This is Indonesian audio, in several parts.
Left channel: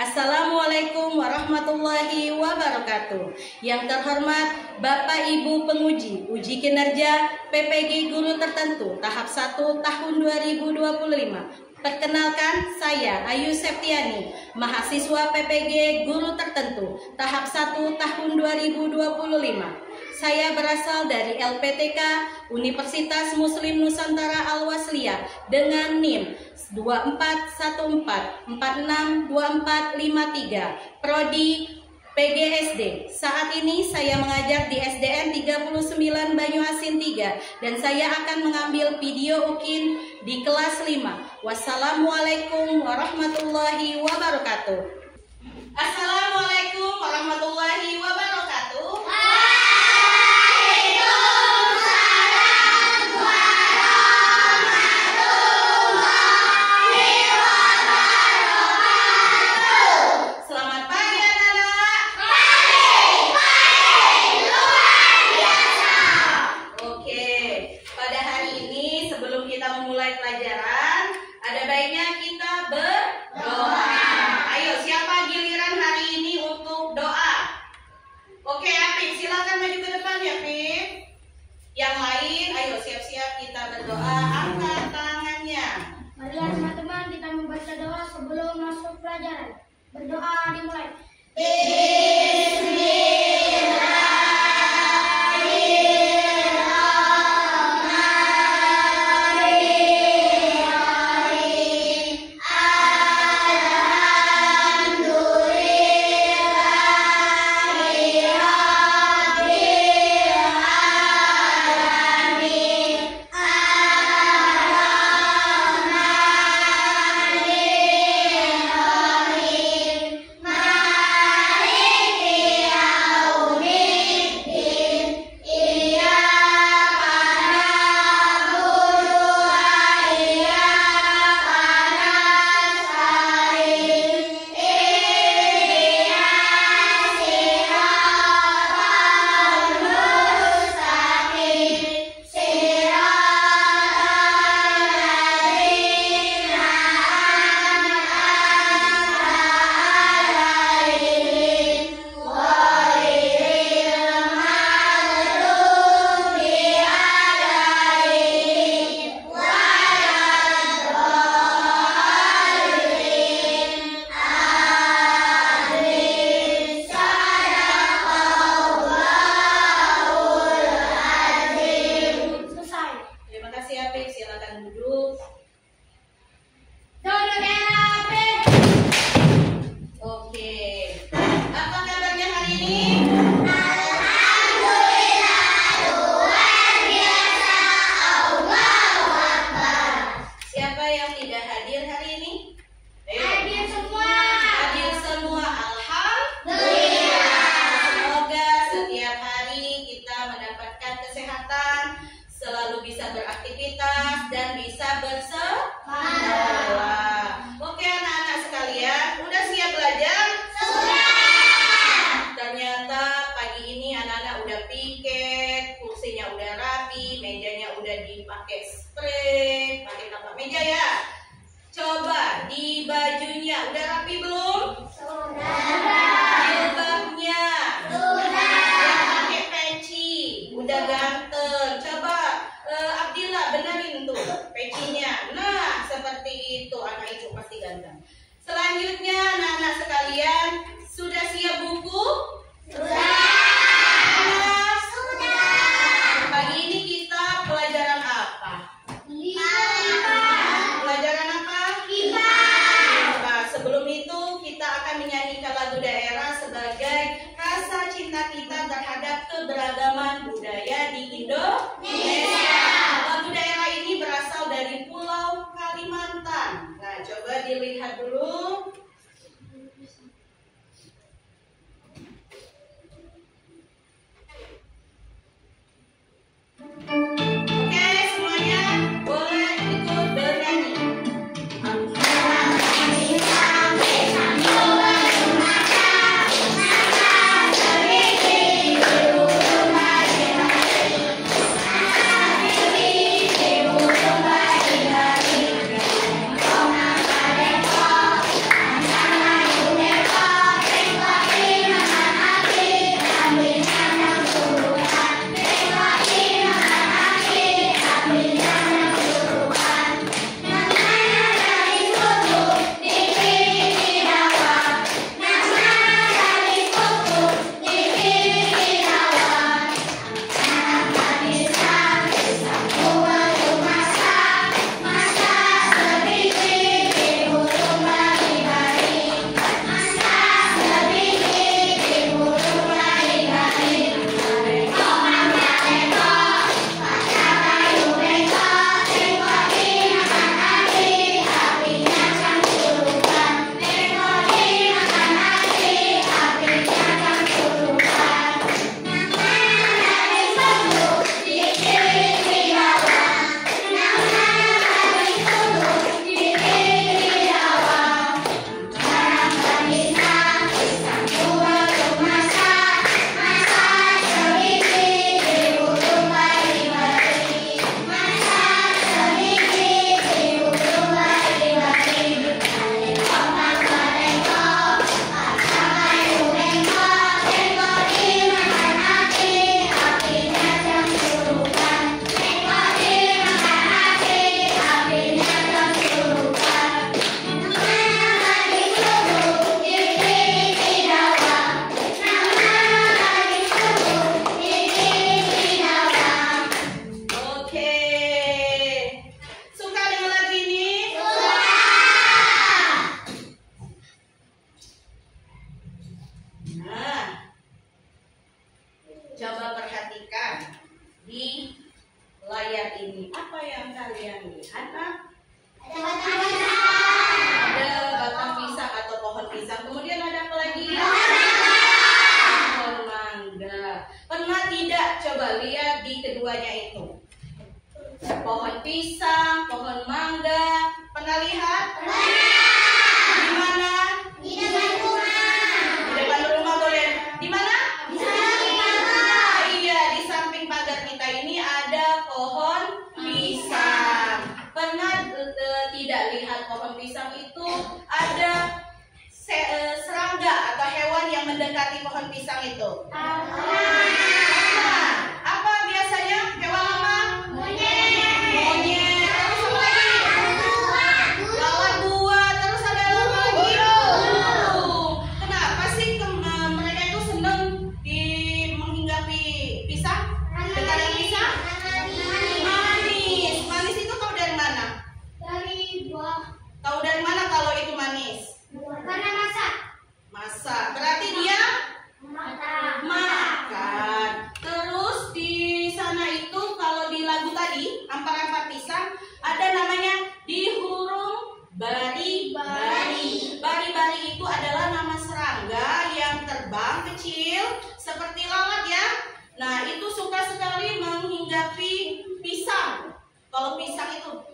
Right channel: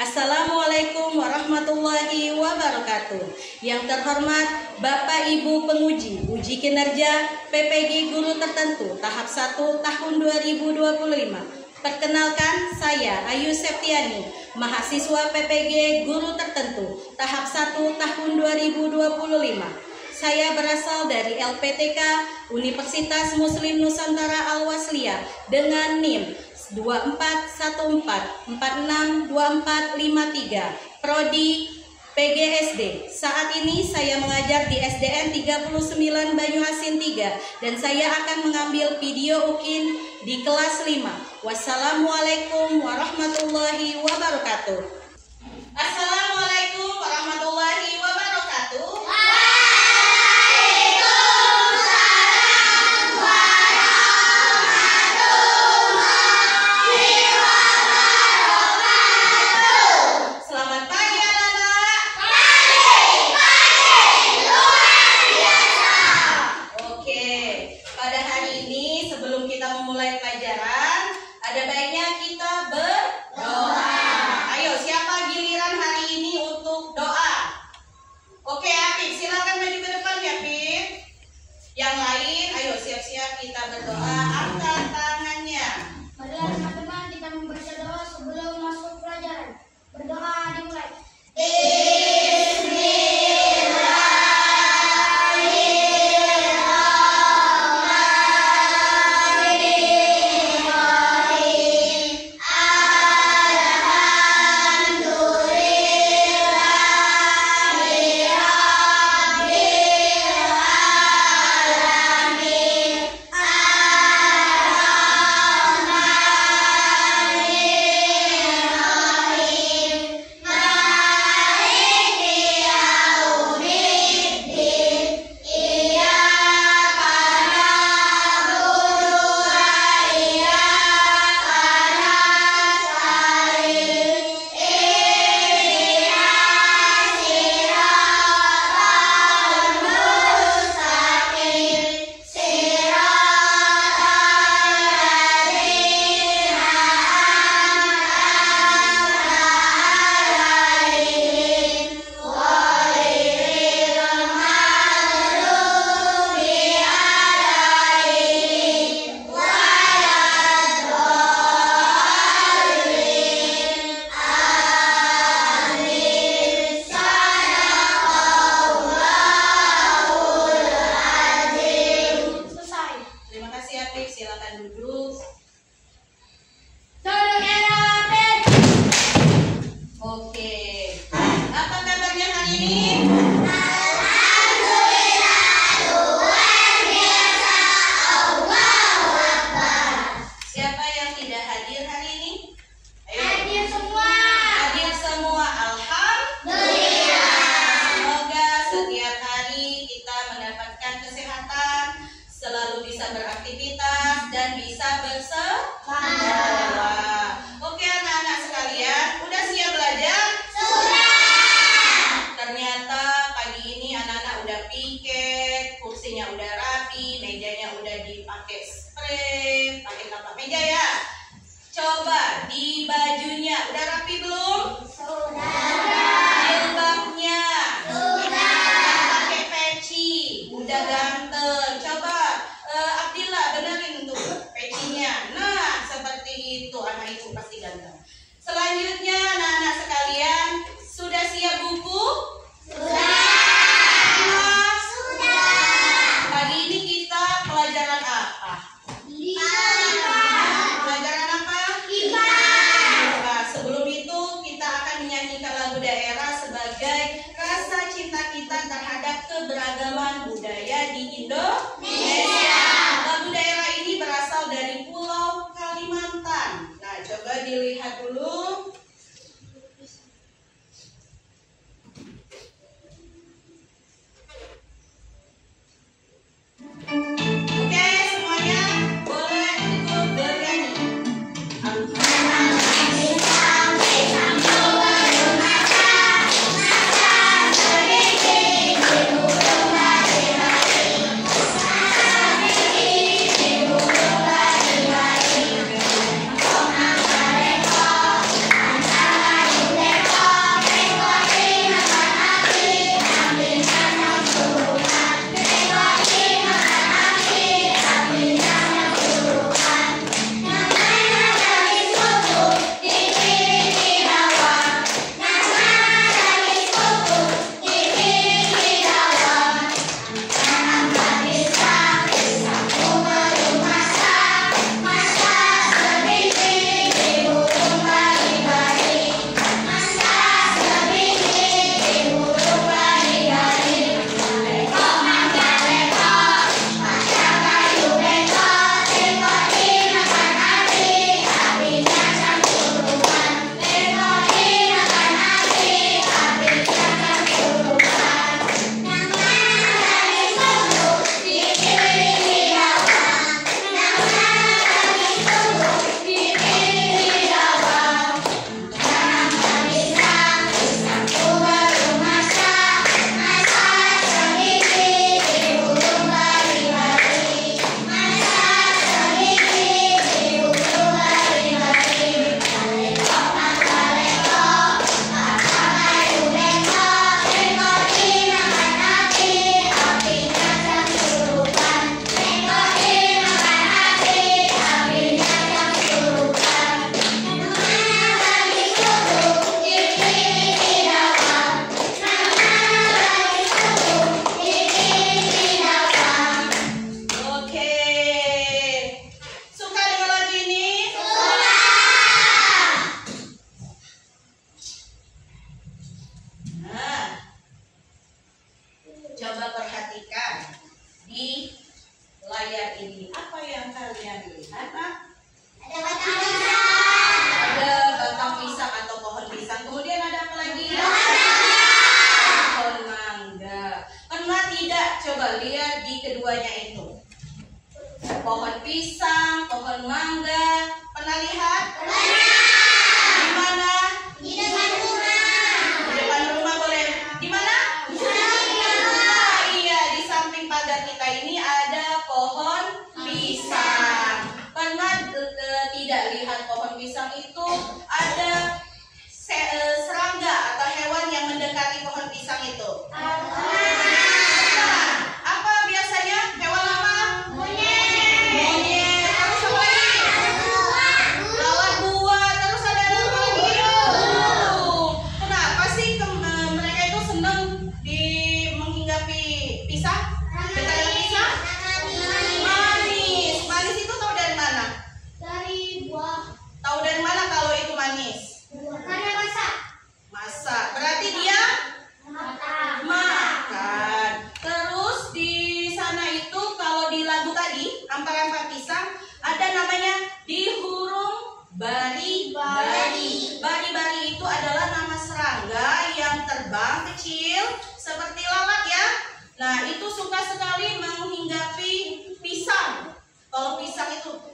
Assalamualaikum warahmatullahi wabarakatuh. Yang terhormat Bapak Ibu penguji uji kinerja PPG Guru Tertentu tahap 1 tahun 2025. Perkenalkan, saya Ayu Septiani, mahasiswa PPG Guru Tertentu tahap 1 tahun 2025. Saya berasal dari LPTK Universitas Muslim Nusantara Al-Wasliyah dengan NIM 2414462453, Prodi PGSD. Saat ini saya mengajar di SDN 39 Banyuasin 3 dan saya akan mengambil video UKIN di kelas 5. Wassalamualaikum warahmatullahi wabarakatuh. Assalamualaikum warahmatullahi wabarakatuh. Berdoa dimulai.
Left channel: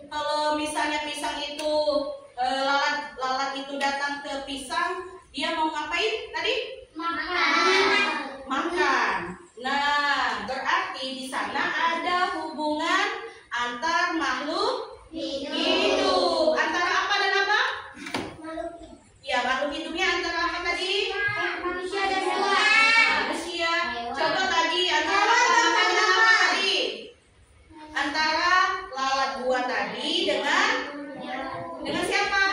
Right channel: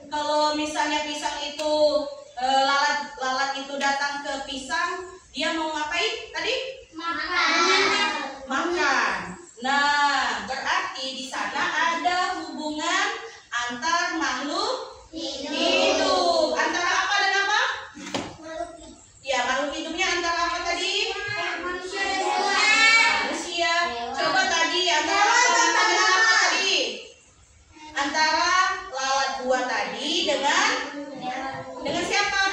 Kalau misalnya pisang itu lalat itu datang ke pisang, dia mau ngapain tadi? Makan. Nah, berarti di sana ada hubungan antar makhluk hidup. Antara apa dan apa? Ya, makhluk hidupnya antara apa tadi? Manusia. Coba tadi antara apa dan apa tadi? Antara lalat buah tadi dengan siapa?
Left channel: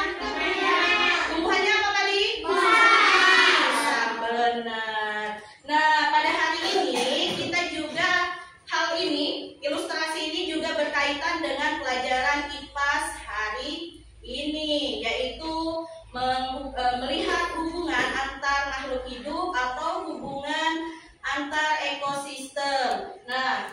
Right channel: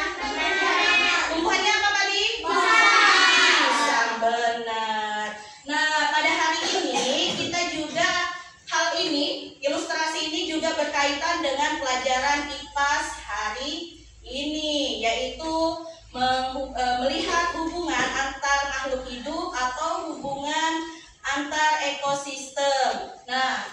Tumbuhannya apa tadi? Pisang, benar. Nah, pada hari ini kita juga ilustrasi ini juga berkaitan dengan pelajaran IPAS hari ini, yaitu melihat hubungan antar makhluk hidup atau hubungan antar ekosistem. Nah,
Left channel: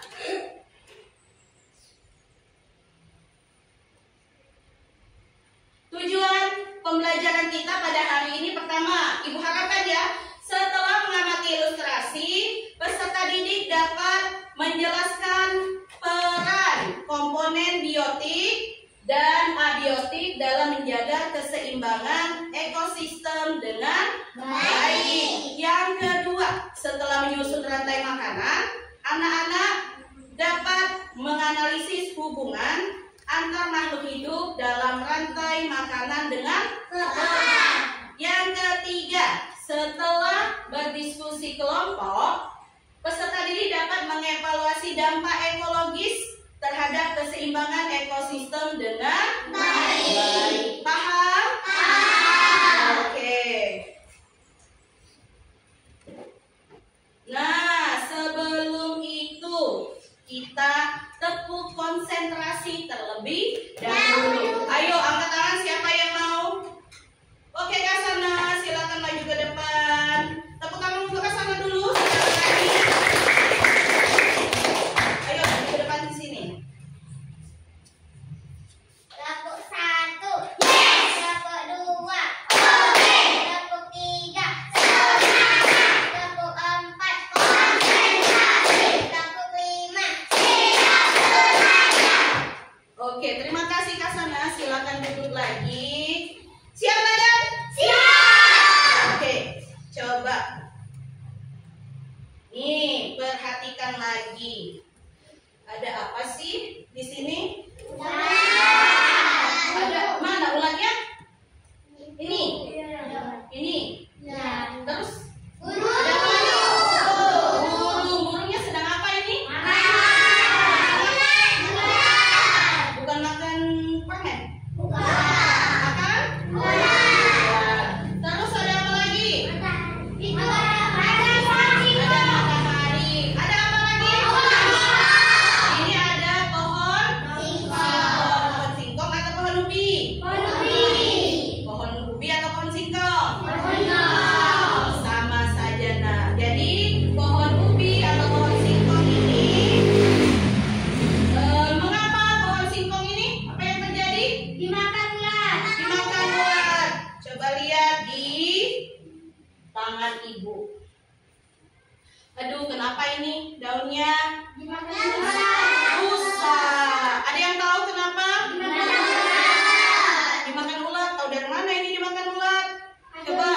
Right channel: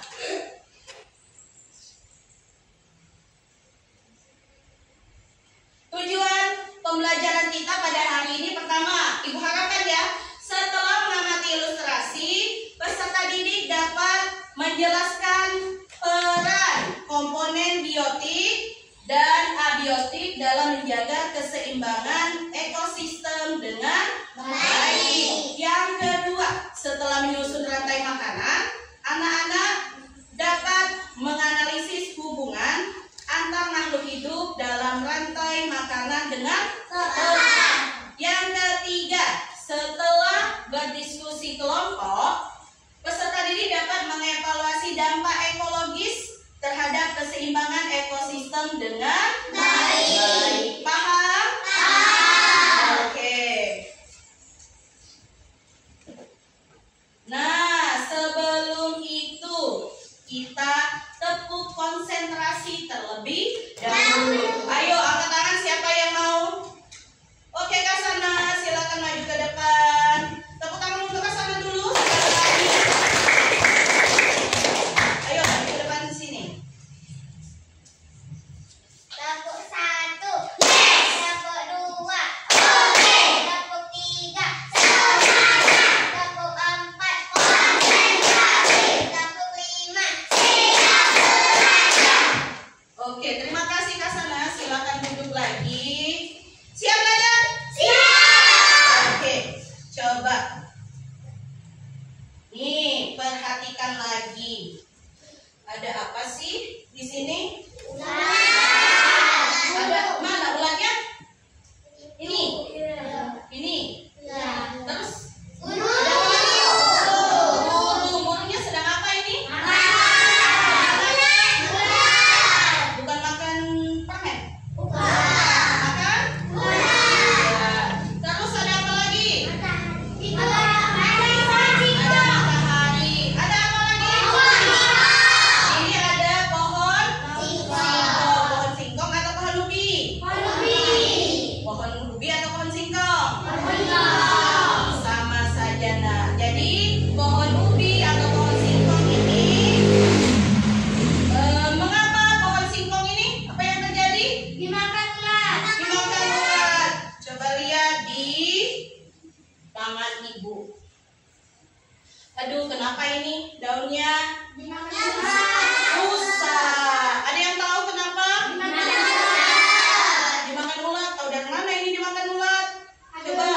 tujuan pembelajaran kita pada hari ini pertama, Ibu harapkan ya, setelah mengamati ilustrasi, peserta didik dapat menjelaskan peran komponen biotik dan abiotik dalam menjaga keseimbangan ekosistem dengan baik. Yang kedua, setelah menyusun rantai makanan, anak-anak dapat menganalisis hubungan antar makhluk hidup dalam rantai makanan dengan tepat. Yang ketiga, setelah berdiskusi kelompok, peserta didik dapat mengevaluasi dampak ekologis terhadap keseimbangan ekosistem dengan baik. Paham? Oke. Nah, sebelum itu kita tepuk konsentrasi terlebih dahulu. Ayo angkat tangan siapa yang mau? Oke, Kak Sana, silakan maju ke depan. Tepuk tangan untuk Kak Sana dulu. Ayo maju ke depan di sini. Tepuk 1, tepuk 2, tepuk 3, tepuk 4, tepuk 5. Oke, terima kasih Kak Sana. Silakan duduk lagi. Siap, Madam? Siap. Oke, coba. Nih, perhatikan lagi. Ada apa sih di sini? Ada mana ulatnya? Ini. Ini. Terus ada apa lagi? Burungnya sedang apa ini? Bukan makan permen. Makan? Terus ada apa lagi? Ada matahari. Ada apa lagi? Ini ada pohon singkong atau pohon ubi? Pohon ubi atau pohon singkong? Sama saja, nah. Jadi pohon ubi atau pohon singkong ini, mengapa pohon singkong ini? Apa yang terjadi? Dimakan ulat. Dimakan ulat. Coba lihat di tangan ibu. Aduh, kenapa ini daunnya Dimakan rusak? Ada yang tahu kenapa? ulat. Dimakan ulat. Tahu dari mana ini dimakan ulat? Coba.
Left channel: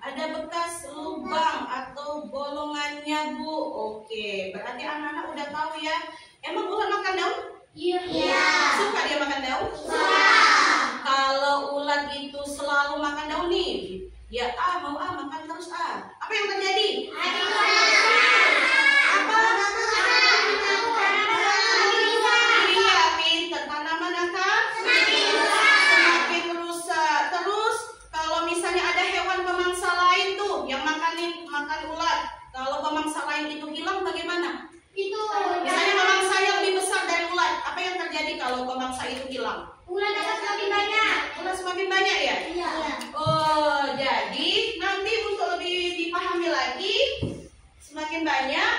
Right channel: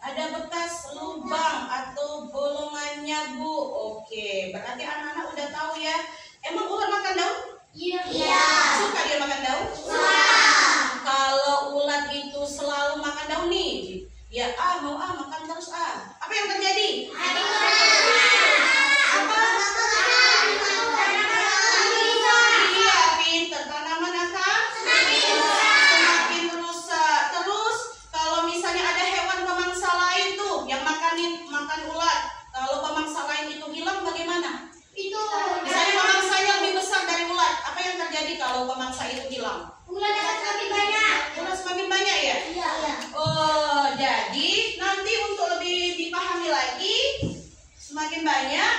Ada bekas lubang atau bolongannya, Bu. Oke, berarti anak-anak udah tahu ya. Emang ulat makan daun? Iya. Suka dia makan daun? Kalau ulat itu selalu makan daun nih, dia mau makan terus Apa yang terjadi? Apa? Iya, pinter. Tanaman akan semakin rusak. Terus kalau misalnya ada hewan pemangsa lain tuh yang makan ulat, kalau pemangsa lain itu hilang bagaimana? Misalnya pemangsanya lebih besar dari ulat, apa yang terjadi kalau pemangsa itu hilang? Ulat akan semakin banyak. Ulat semakin banyak ya? Iya. Oh, jadi nanti untuk lebih dipahami lagi, semakin banyak.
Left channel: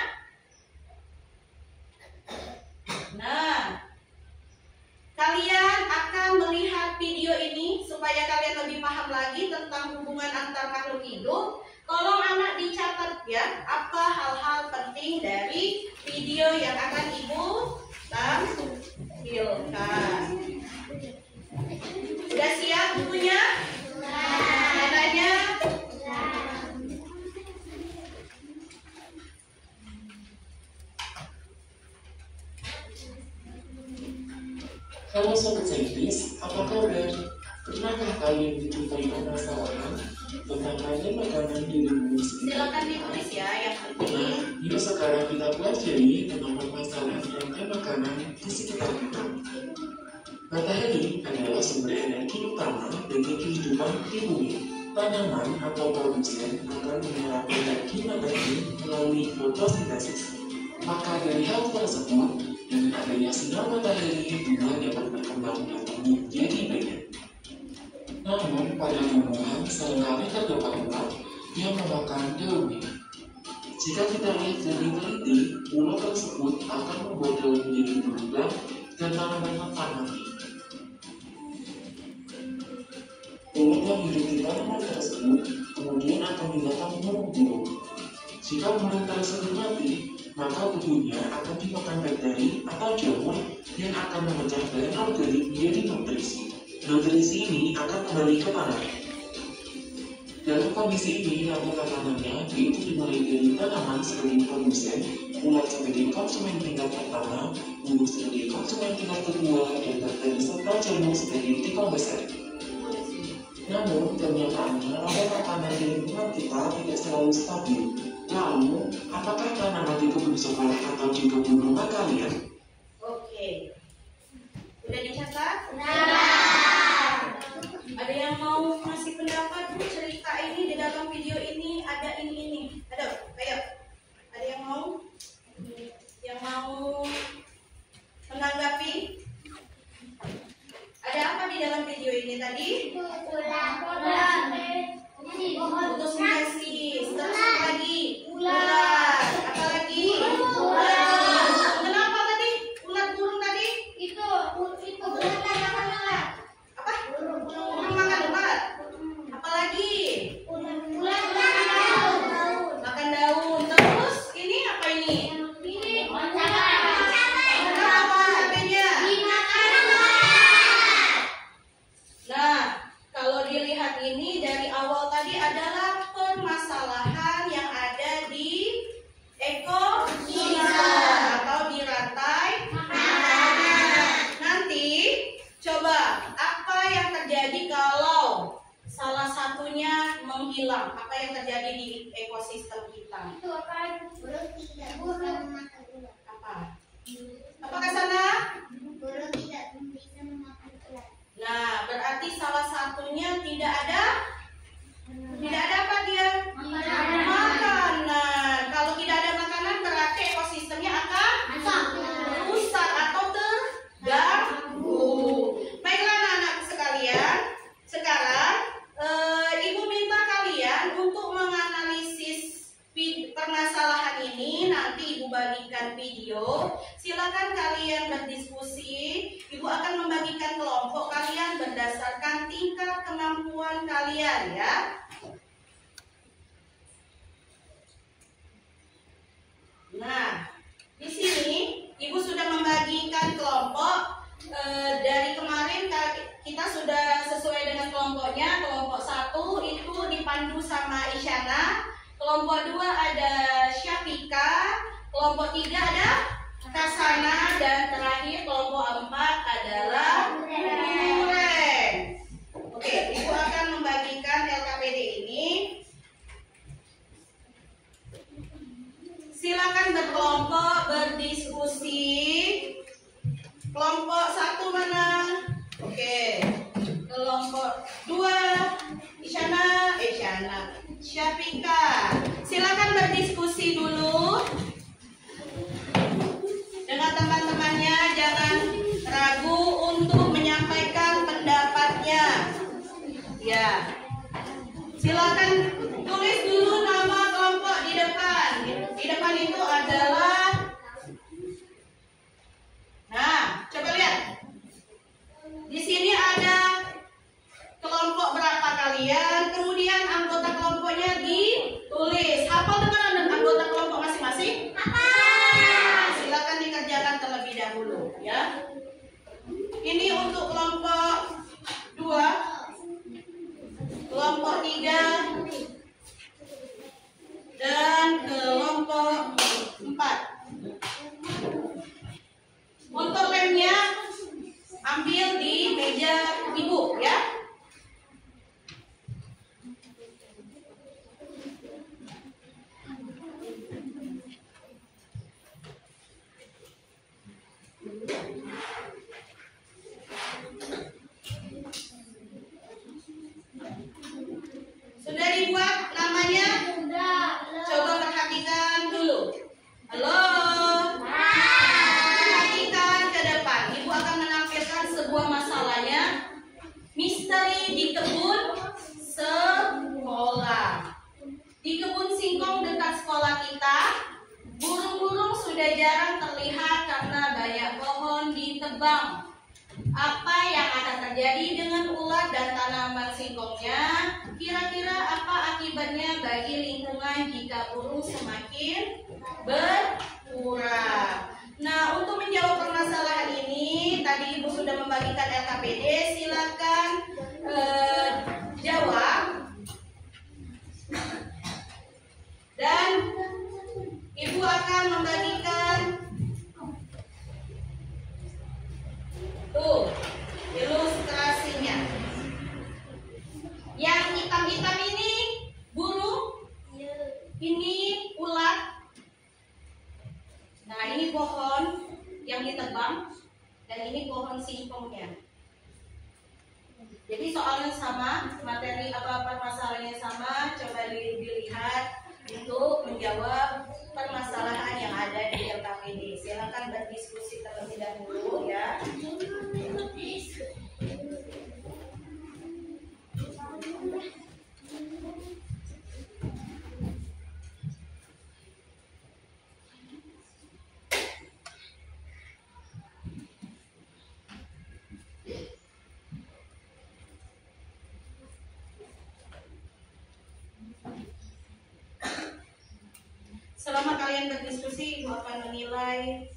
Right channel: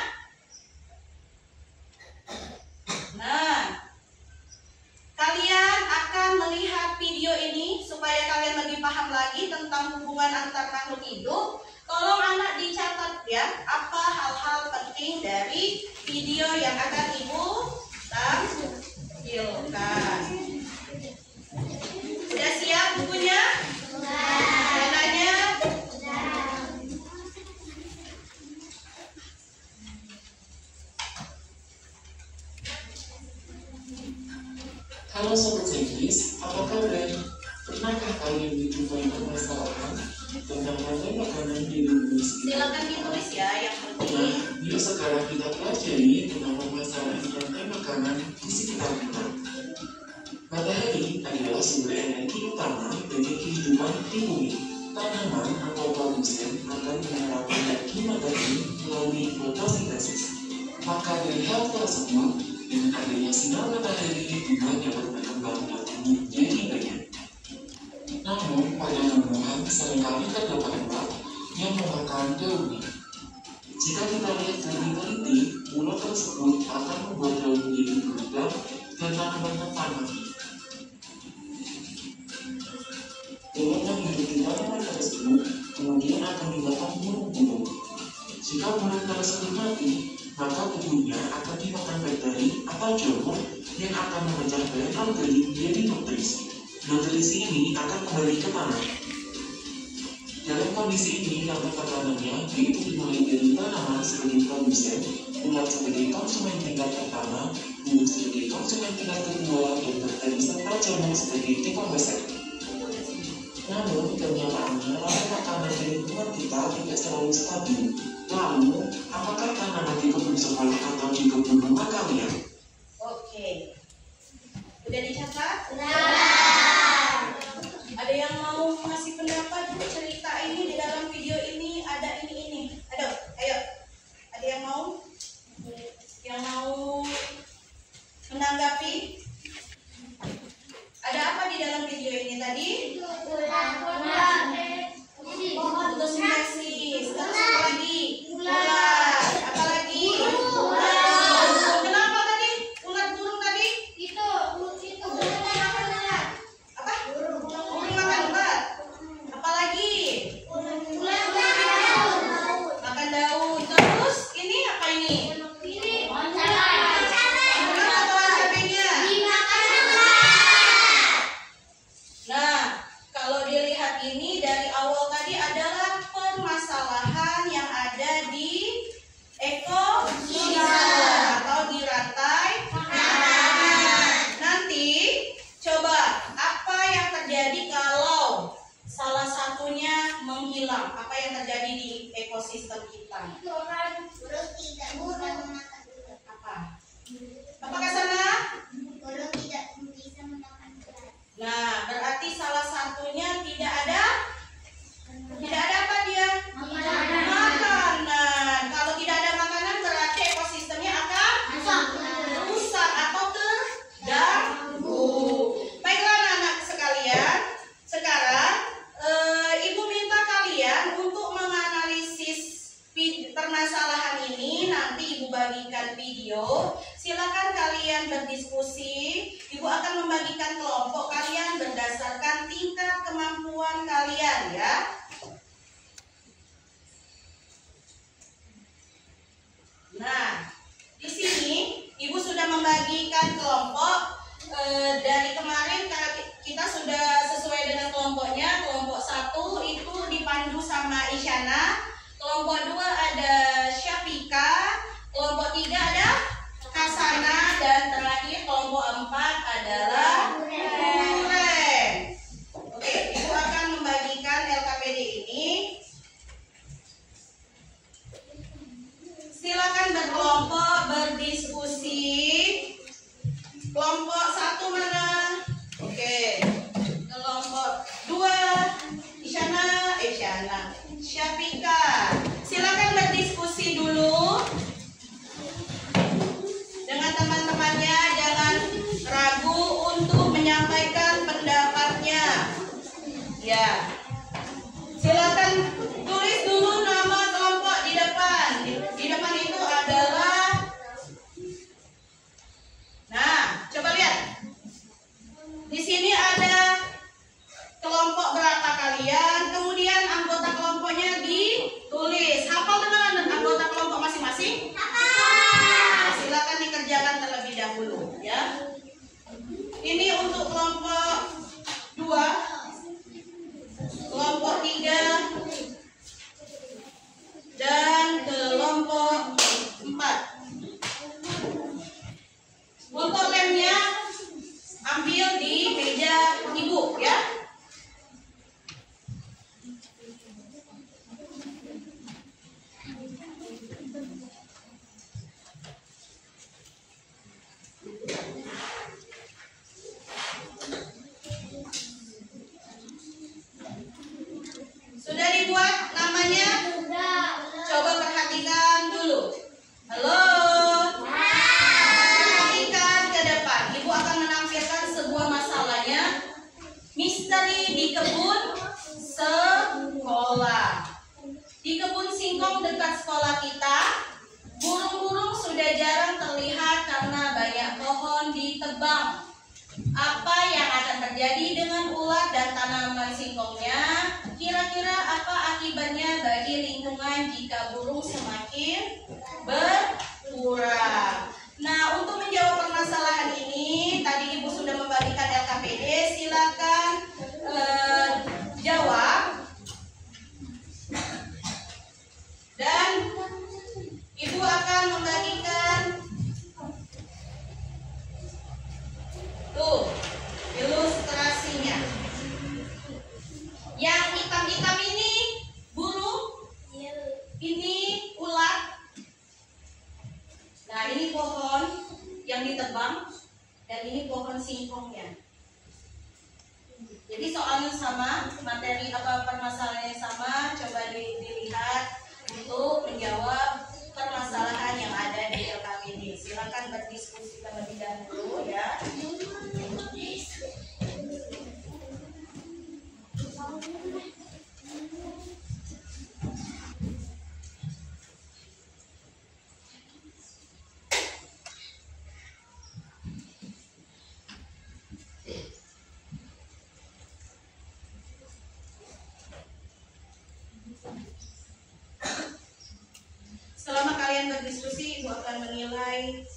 Nah, kalian akan melihat video ini supaya kalian lebih paham lagi tentang hubungan antar makhluk hidup. Tolong anak dicatat ya, apa hal-hal penting dari video yang akan Ibu Halo Sobat Saintis, apa kabar? Pernahkah kalian menjumpai permasalahan tentang rantai makanan di lingkungan sekitar? Silakan ditulis ya yang Nah, penting. yuk sekarang kita pelajari tentang permasalahan rantai makanan di sekitar kita. Matahari adalah sumber energi utama bagi kehidupan di bumi. Tanaman atau produsen akan menyerap energi matahari melalui fotosintesis. Maka dari hal tersebut, dengan adanya sinar matahari, bunga dapat berkembang dan tumbuh jadi banyak. Namun, pada tumbuhan seringkali terdapat ulat yang memakan daunnya. Jika kita lihat lebih teliti, ulat tersebut akan membuat daun menjadi berlubang dan tanaman rentan mati. Ulat yang hidup di tanaman tersebut kemudian akan dimakan burung-burung. Jika burung tersebut mati, maka tubuhnya akan dimakan bakteri atau jamur yang akan memecah bahan organik menjadi nutrisi. Nutrisi ini akan kembali ke tanah. Dalam kondisi ini, rantai makanannya yaitu dimulai dari tanaman sebagai produsen, ulat sebagai konsumen tingkat pertama, burung sebagai konsumen tingkat kedua, dan bakteri serta jamur sebagai pembesar. Namun, kenyataannya rantai makanan di lingkungan kita tidak selalu stabil. Lalu, apakah tanaman di kebun sekolah atau di kebun rumah kalian? Oke. Udah dicatat? Nah. Ada yang mau ngasih pendapat Bu, cerita ini di dalam video ini ada ini. Ayo. Ada yang mau? Yang mau menanggapi? Ada apa di dalam video ini tadi? Fotosintesis. Terus apa lagi? Ulat. Apa lagi? Kenapa tadi? Ulat burung tadi? Apa? Burung makan ulat. Apa lagi? Makan daun. Terus ini apa ini? Kenapa pohon cabenya? Nah, kalau dilihat ini dari awal tadi adalah permasalahan yang ada di ekosistem atau di rantai makanan. Nanti coba apa yang terjadi kalau salah satunya menghilang? Apa yang terjadi di ekosistem kita? Apa? Apakah sana? Nah, berarti salah satunya tidak ada apa dia? Makanan. Kalau tidak ada makanan berarti ekosistemnya akan rusak atau terganggu. Baiklah anak-anak sekalian, sekarang Ibu minta kalian untuk menganalisis permasalahan ini. Nanti Ibu bagikan video. Silakan kalian berdiskusi. Ibu akan membagikan kelompok kalian berdasarkan tingkat kemampuan kalian ya. Nah, di sini Ibu sudah membagikan kelompok. Dari kemarin kita sudah sesuai dengan kelompoknya. Kelompok 1 itu dipandu sama Isyana. Kelompok 2 ada Syafika. Kelompok 3 ada Kasana, dan terakhir kelompok 4 adalah Nuren. Oke, Ibu akan membagikan LKPD ini. Silakan berkelompok berdiskusi. Kelompok 1 mana? Oke. Kelompok 2 Isyana, Syafika. Silakan berdiskusi dulu dengan teman-temannya, jangan ragu untuk menyampaikan pendapatnya. Ya. Silakan tulis dulu nama kelompok di depan. Di depan itu adalah, nah, coba lihat. Di sini ada kelompok berapa kalian, kemudian anggota kelompoknya ditulis. Hafal dengan anggota kelompok masing-masing? Nah, silakan dikerjakan terlebih dahulu ya. Ini untuk kelompok 2, kelompok 3, dan kelompok 4. Untuk lemnya ambil singkongnya. Kira-kira apa akibatnya bagi lingkungan jika burung semakin berkurang? Nah, untuk menjawab permasalahan ini, tadi Ibu sudah membagikan LKPD. Silakan jawab. Dan Ibu akan membagikan tuh ilustrasinya. Yang hitam-hitam ini burung, ini ulat. Nah, ini pohon yang ditebang, dan ini pohon singkongnya. Jadi soalnya sama, materi apa permasalahannya sama. Coba dilihat untuk menjawab permasalahan yang ada di LKPD. Silakan berdiskusi terlebih dahulu ya. Selama kalian berdiskusi, Ibu akan menilai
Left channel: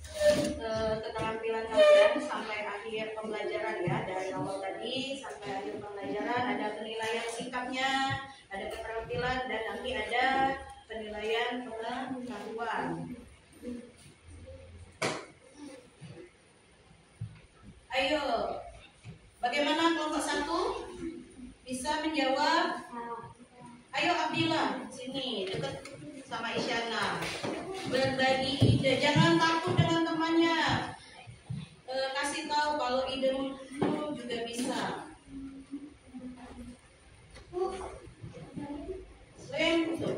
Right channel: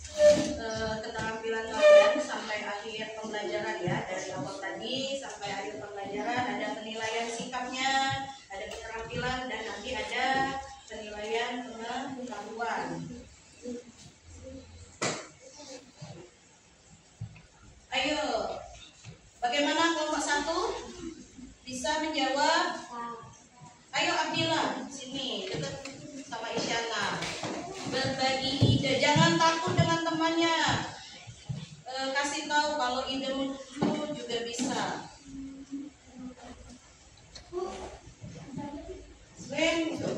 keterampilan kalian sampai akhir pembelajaran ya. Dari awal tadi sampai akhir pembelajaran ada penilaian sikapnya, ada keterampilan, dan nanti ada penilaian pengetahuan. Ayo, bagaimana kelompok 1 bisa menjawab? Ayo Abdillah, sini dekat sama Isyana, berbagi ide, jangan takut dengan temannya. Kasih tahu kalau idemu juga bisa. Selain itu,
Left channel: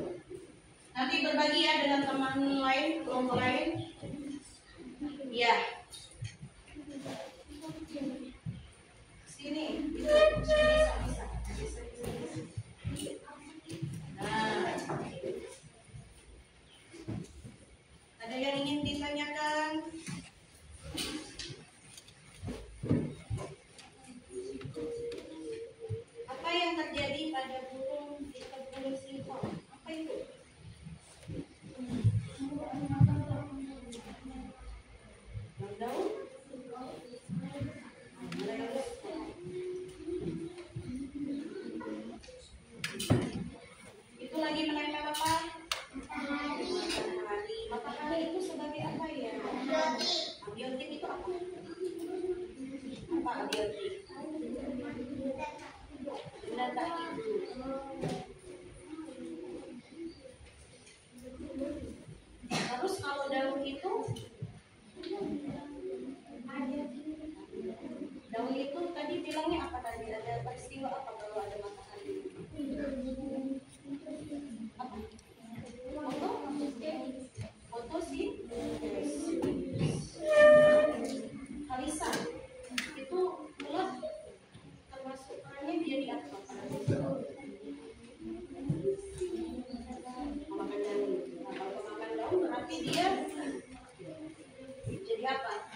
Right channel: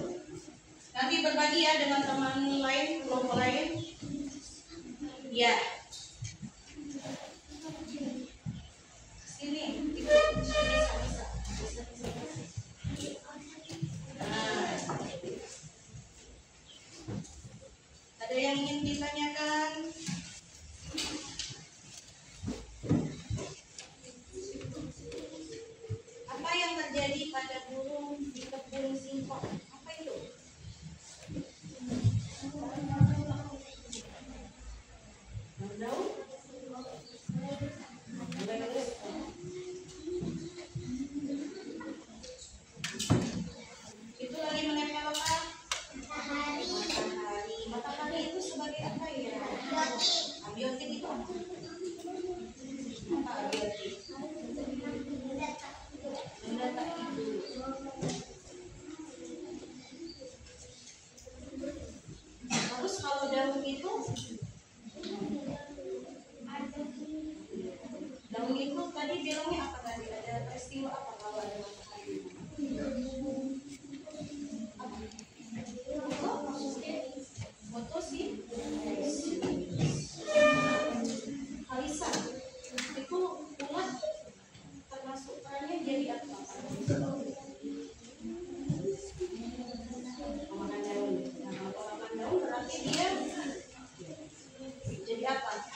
nanti berbagi ya dengan teman lain, kelompok lain. Ya, sini, itu, bisa. Ada yang ingin ditanyakan? Apa yang terjadi pada burung di kebun singkong? Apa itu? Daun? Itu lagi menempel apa? Matahari itu sebagai apa ya? Abiotik itu apa? Apa abiotik? Benda tak hidup. Terus kalau daun itu tadi bilangnya apa tadi? Ada peristiwa apa kalau ada matahari? Apa? Fotosintesis. Kalisa, itu ulat termasuk perannya dia di apa? Memakan daun. Nah, kalau memakan daun berarti dia jadi apa?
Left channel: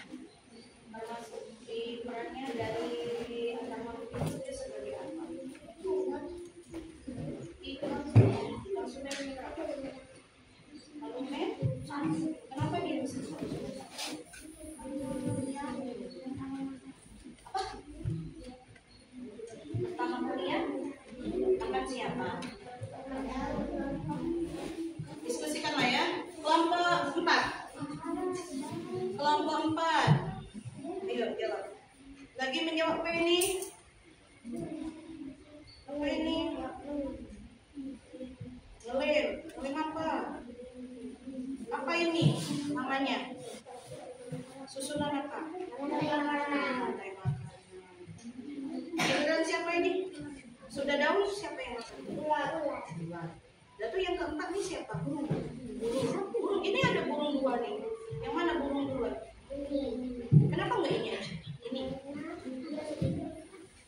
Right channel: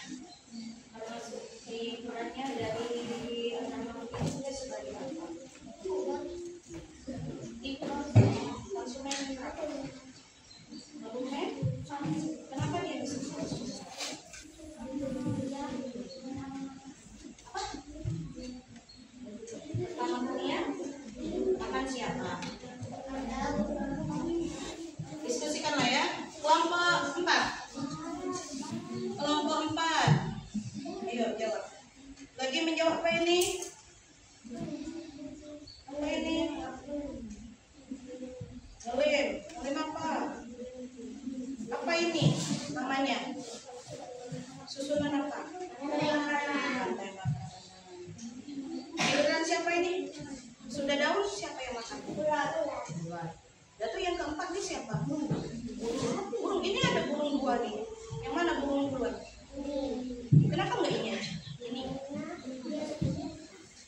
Termasuk di perannya dari anak makhluk itu sebagai apa? Konsumen kenapa dia bisa apa? Pertama kalian makan siapa? Diskusikanlah ya. Kelompok 4. Kelompok 4. Ayo jawab. Lagi menjawab apa ini? Apa ini? Ngelem apa? Apa ini namanya? Susunan apa? Rantai makanan. Giliran siapa ini? Sudah daun siapa yang makan? Ulat. Lalu yang keempat ini siapa? Burung. Ini ada burung 2 nih. Yang mana burung 2? Kenapa enggak ini aja? Ini.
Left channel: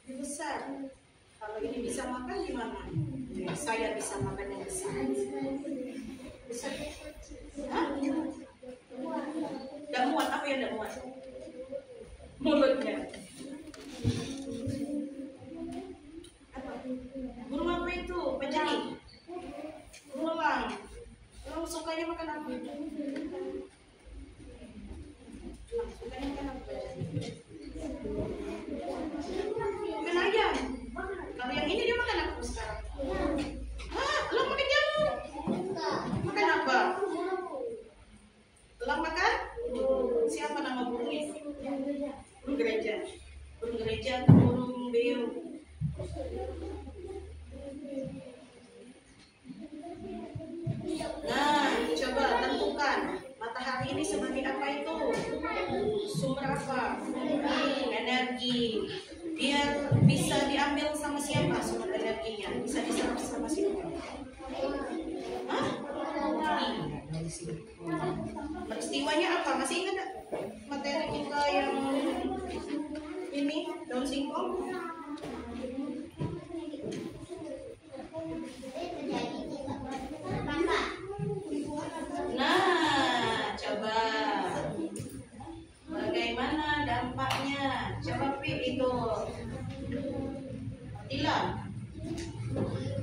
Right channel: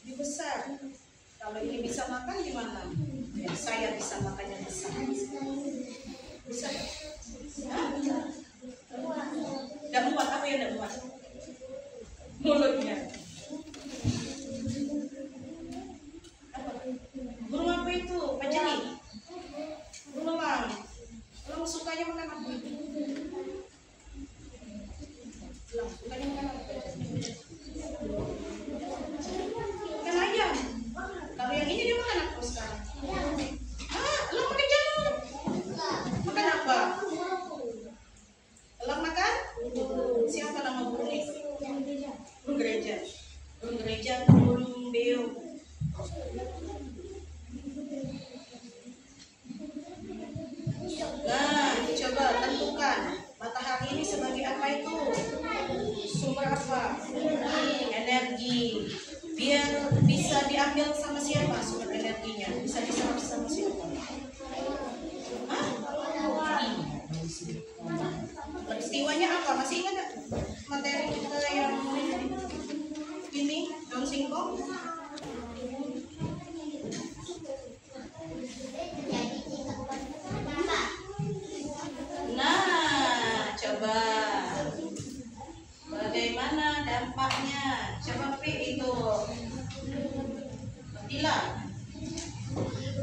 Lebih besar. Kalau ini bisa makan gimana? Ya, saya bisa makan yang besar. Bisa. Hah? Gak muat, apa yang gak muat? Mulutnya. Apa? itu? Pajeri? Berulang. Berulang sukanya makan apa? Berulang sukanya makan apa? Makan ayam. Kalau yang ini dia makan apa sekarang? Elang makan jamur. Makan apa? Elang makan? Siapa nama burung itu? Burung gereja. Burung gereja atau burung beo? Nah, coba tentukan matahari ini sebagai apa itu? Sumber apa? Energi. Biar bisa diambil sama siapa sumber energinya? Bisa diserap sama siapa? Hah? Peristiwanya apa? Masih ingat gak materi kita yang ini daun singkong? Nah, coba bagaimana dampaknya? Coba Pi itu bilang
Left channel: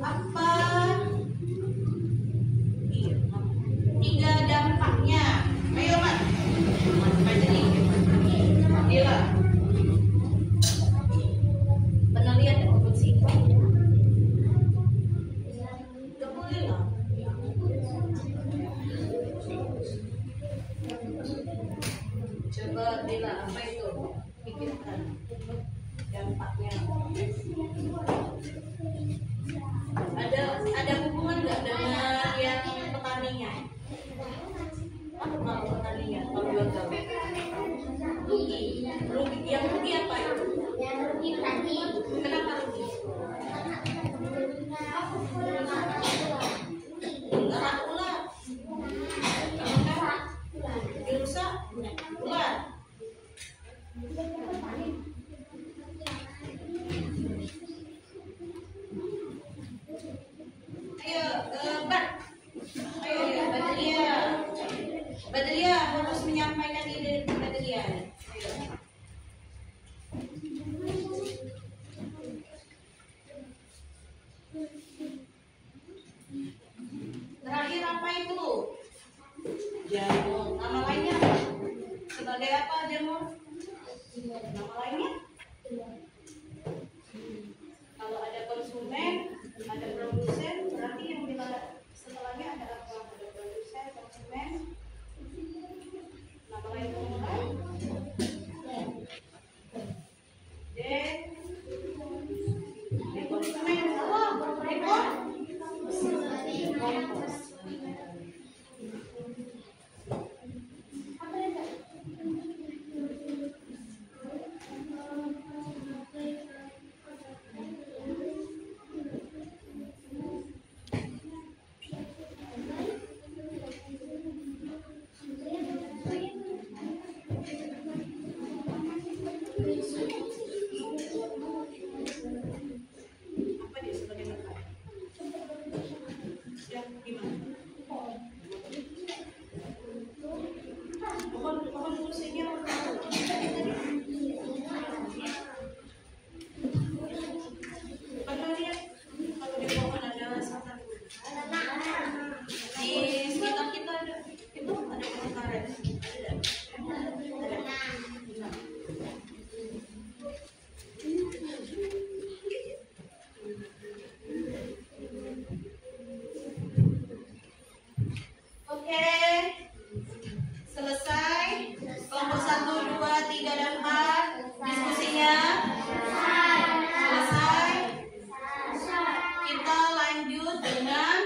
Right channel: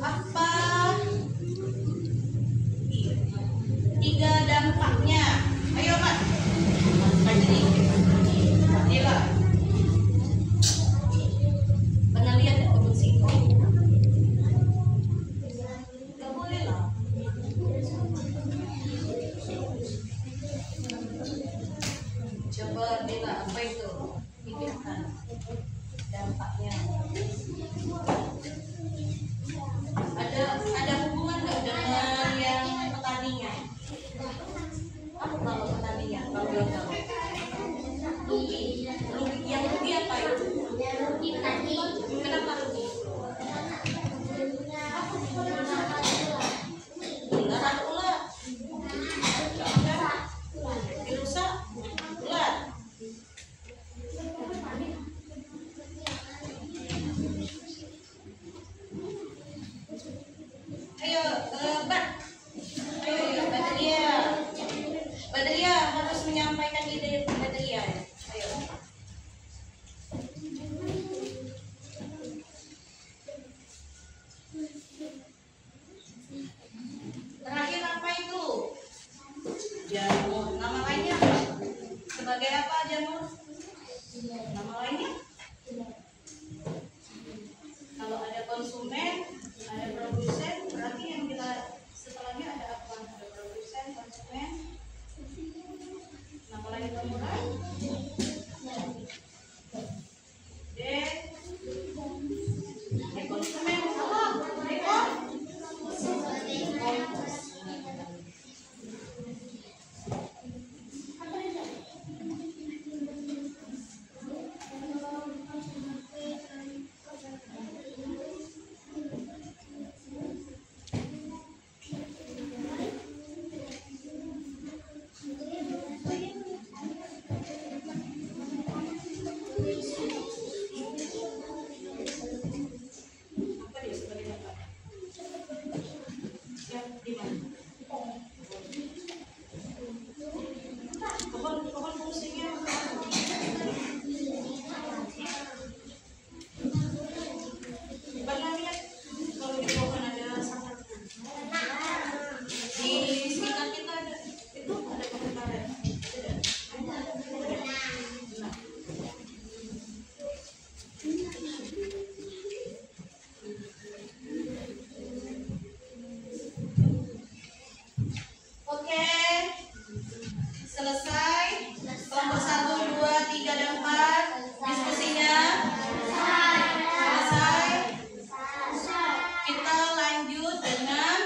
apa? Tiga dampaknya. Ayo Mat. Kajri. Dila. Pernah lihat daun singkong? Gak boleh lah. Coba Dila, apa itu? Pikirkan dampaknya. Ada hubungan nggak dengan yang petaninya? Kalau petaninya, kalau gagal. Rugi. Yang rugi apa itu? Rugi petani. Kenapa rugi? Enggak ada ular. Dirusak ular. Ayo, Bat. Ayo, Badalia. Badalia harus menyampaikan ide Badalia. Ayo. Terakhir apa itu? Jamur. Nama lainnya apa? Sebagai apa jamur? Nama lainnya? Kalau ada konsumen, ada produsen, berarti yang bila setelahnya ada apa? Ada produsen, konsumen. Nama lain pemulai? Konsumen salah. Apa dia sebagai mata? Ya, di mana? Pohon fungsinya apa? Pernah lihat kalau di pohon ada sangat di sekitar kita ada itu ada pohon karet. Ada. Nah. Oke, selesai kelompok 1, 2, 3, dan 4 diskusinya. Selesai. Kita lanjut dengan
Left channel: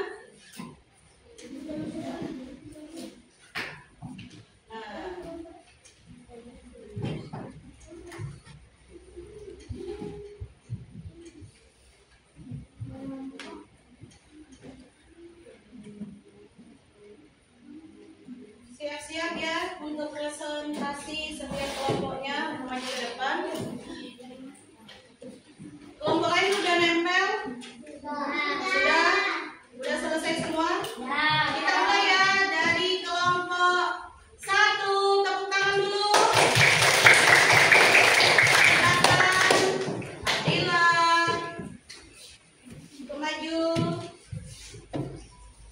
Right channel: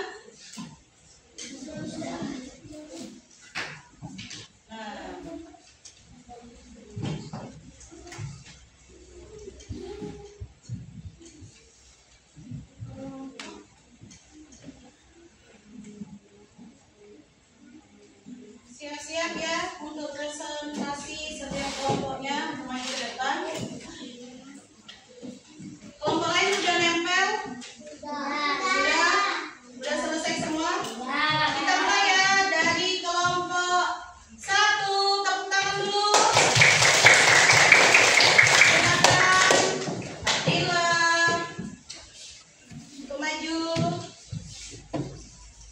siap-siap ya untuk presentasi setiap kelompoknya maju ke depan. Kelompok lain sudah nempel? Sudah? maju.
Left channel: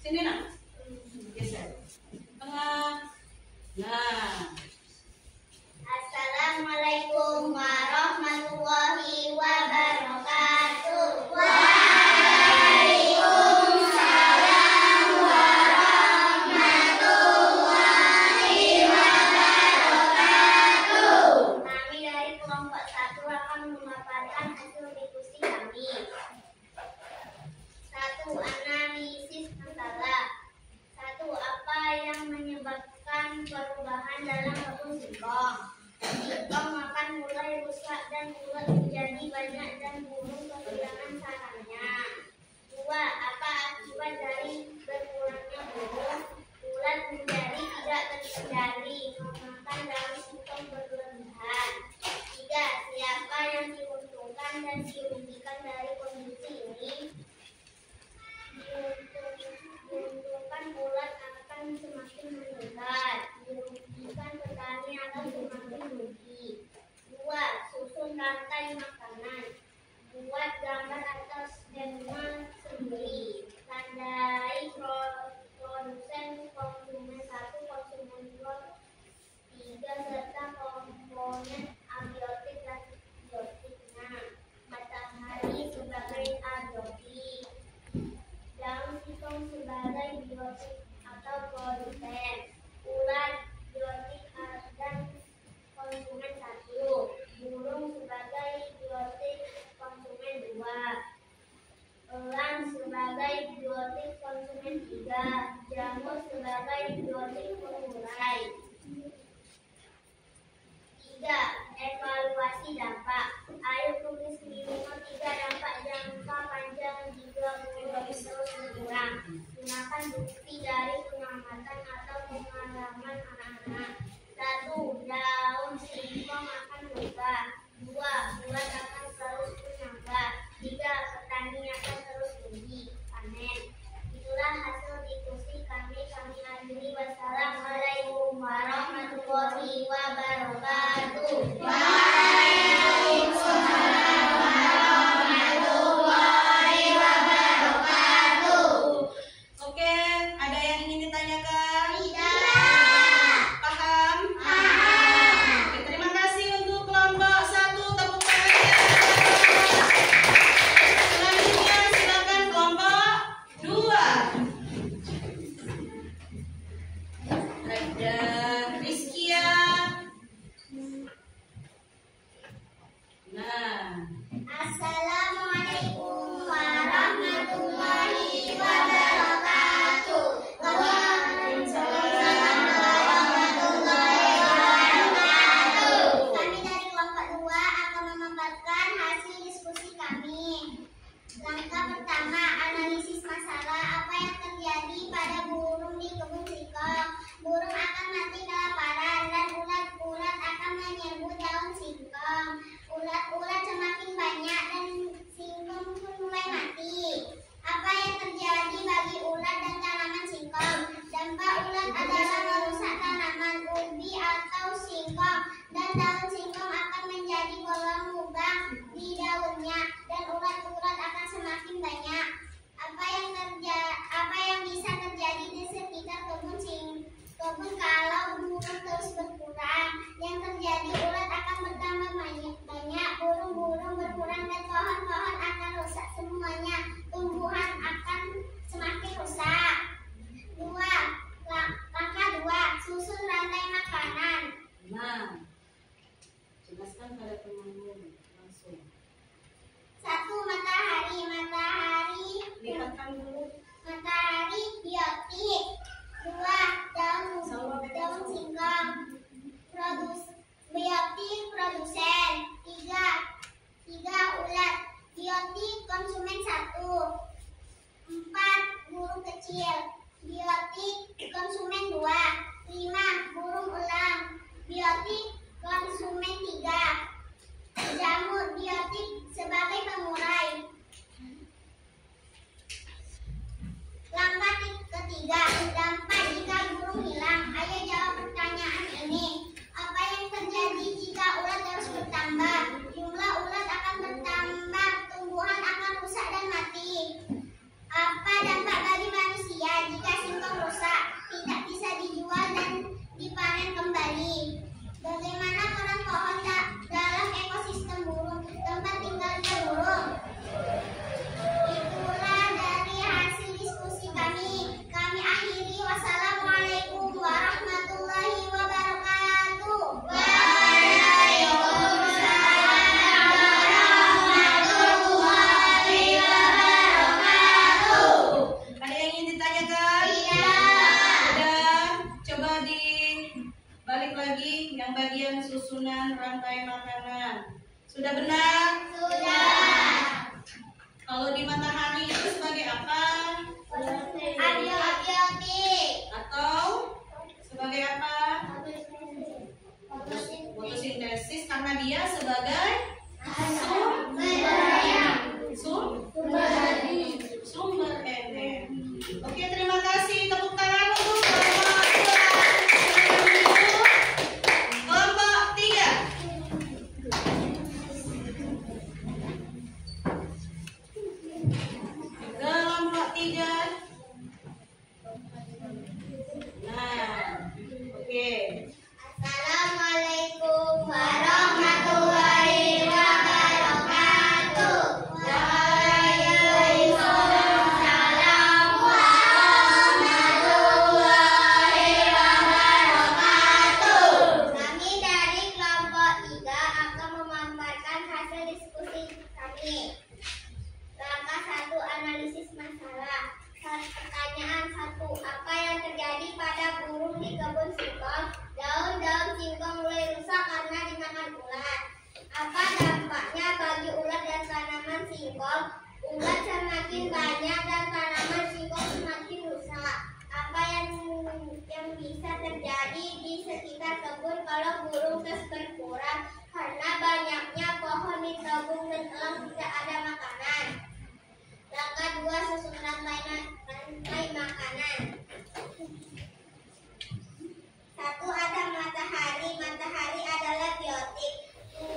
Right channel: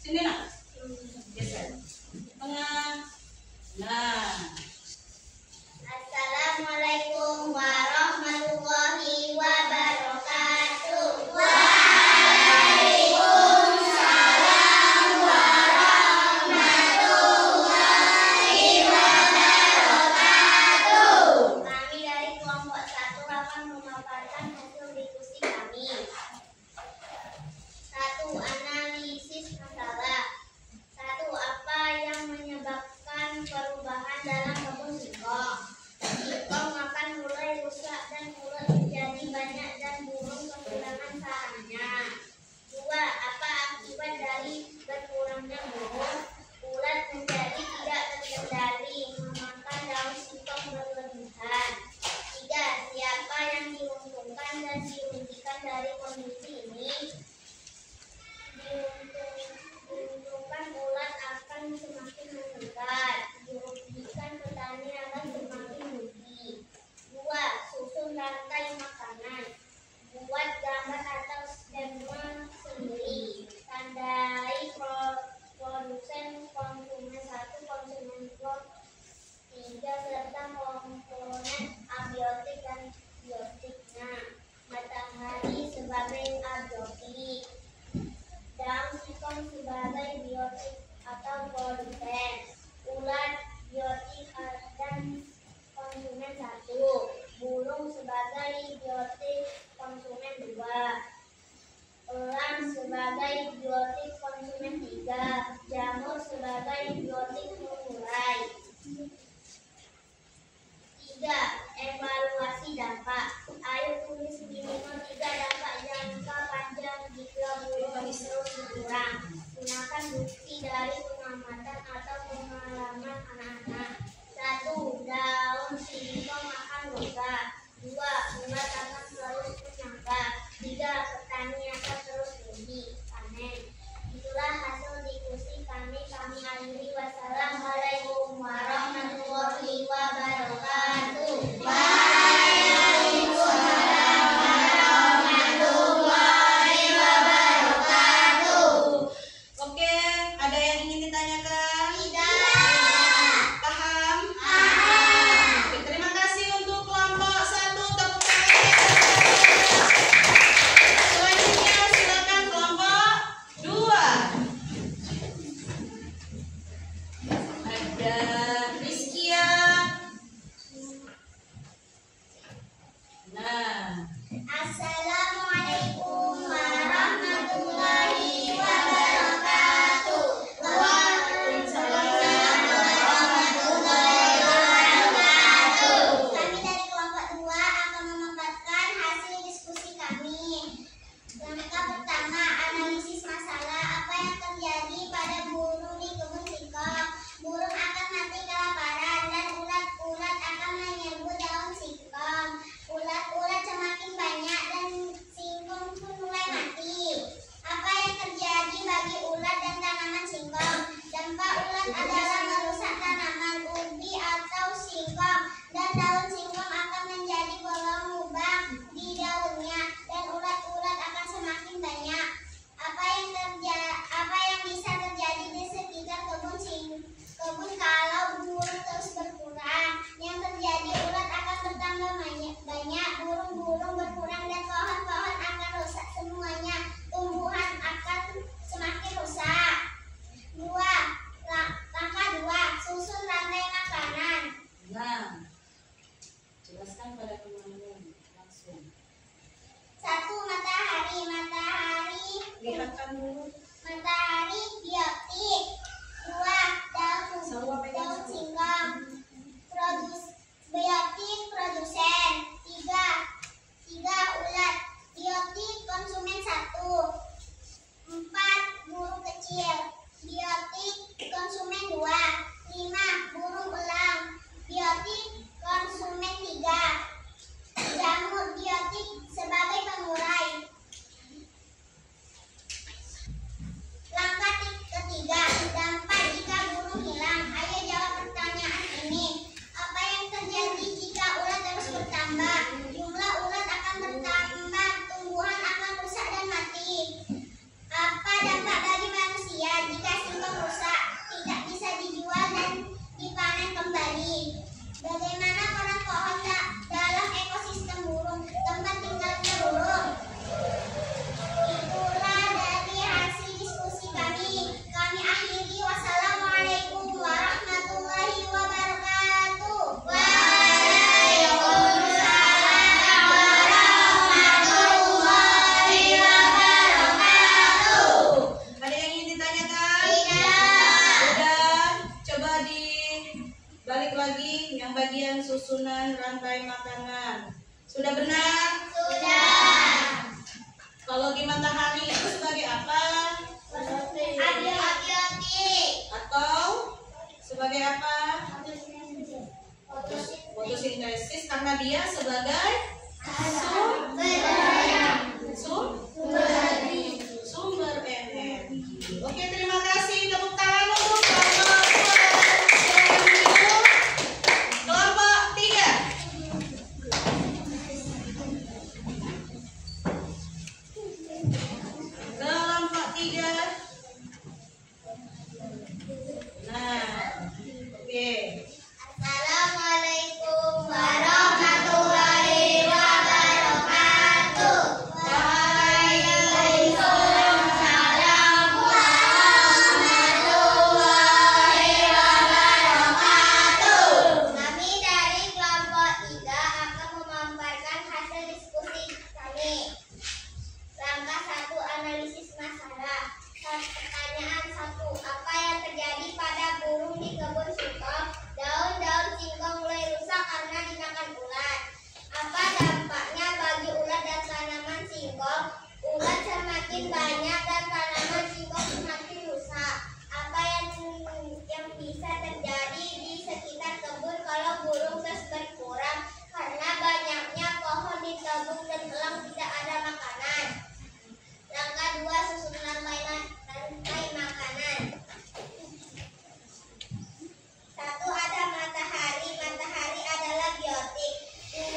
Sini nak. Geser. Tengah. Nah. Assalamualaikum warahmatullahi wabarakatuh. Kami dari kelompok 1 akan memaparkan hasil diskusi kami. 1. Analisis masalah. 1. Apa yang menyebabkan perubahan dalam kebun singkong? Singkong makan mulai rusak dan ulat menjadi banyak dan burung kehilangan sarangnya. 2. Apa akibat dari berkurangnya burung? Ulat menjadi tidak terkendali, memakan daun singkong berlebihan. 3. Siapa yang diuntungkan dan dirugikan dari kondisi ini? Diuntungkan ulat akan semakin meningkat, dirugikan petani akan semakin rugi. 2. Susun rantai makanan. Buat gambar atau skema sendiri. Tandai produsen, konsumen 1, konsumen 2, 3, serta komponen abiotik dan biotiknya. Matahari sebagai abiotik, daun singkong sebagai biotik atau polutan, ulat biotik dan konsumen 1, burung sebagai biotik konsumen 2, elang sebagai biotik konsumen 3, jamur sebagai biotik pengurai. 3. Evaluasi dampak. Ayo tulis di nomor 3 dampak jangka panjang jika burung terus berkurang. Gunakan bukti dari pengamatan atau pengalaman anak-anak. 1. Daun singkong akan rusak. 2. Ulat akan terus menyambar. 3. Petani akan terus rugi panen. Itulah hasil diskusi kami akhiri. Wassalamualaikum warahmatullahi wabarakatuh. Waalaikumsalam warahmatullahi wabarakatuh. Oke, ada yang ingin ditanyakan? Tidak. Paham? Paham. Oke, terima kasih untuk kelompok 1. Tepuk tangan. Selanjutnya silakan kelompok 2. Ada Rizkia. Nah, Assalamualaikum warahmatullahi wabarakatuh. Waalaikumsalam warahmatullahi wabarakatuh. Kami dari kelompok 2 akan memaparkan hasil diskusi kami. Langkah pertama, analisis masalah. Apa yang terjadi pada burung di kebun singkong? Burung akan mati kelaparan dan ulat-ulat akan menyerbu daun singkong. Ulat-ulat semakin banyak dan singkong pun mulai mati. Apa yang terjadi bagi ulat dan tanaman singkong? Dampak ulat adalah merusak tanaman ubi atau singkong, dan daun singkong akan menjadi bolong lubang di daunnya dan ulat-ulat akan semakin banyak. Apa yang bisa terjadi di sekitar kebun kalau burung terus berkurang? Yang terjadi, ulat akan bertambah banyak, burung-burung berkurang, dan pohon-pohon akan rusak semuanya. Tumbuhan akan semakin rusak. 2. Langkah 2, susun rantai makanan. nah, jelaskan pada temanmu langsung. 1. Matahari. Lihatkan dulu. Matahari biotik. 2. Daun singkong biotik produsen. 3. Ulat biotik konsumen 1. 4. Burung kecil biotik konsumen 2. 5. Burung elang biotik konsumen 3. Jamur biotik sebagai pengurai. makanan. Sudah benar? Sudah. Kalau di matahari itu sebagai apa? Abiotik. Atau sebagai apa? Fotosintesis karena dia sebagai sumber energi. Oke, terima kasih. Tepuk tangan untuk kelompok 2. Kelompok 3. Kelompok 3. Nah, oke. Assalamualaikum warahmatullahi wabarakatuh. Waalaikumsalam warahmatullahi wabarakatuh. Kami dari kelompok 3 akan memaparkan hasil diskusi kami. Langkah 1, analisis masalah. Pertanyaan 1, apa yang terjadi pada burung di kebun singkong? Daun-daun singkong mulai rusak karena dimakan ulat. Apa dampaknya bagi ulat dan tanaman singkong? Ulat semakin banyak dan tanaman singkong semakin rusak. Apa yang bisa terjadi di sekitar kebun kalau burung terus berkurang? Karena banyaknya pohon ditebang dan elang tidak ada makanan. Langkah 2, susun rantai makanan. 1, ada matahari. Matahari adalah biotik.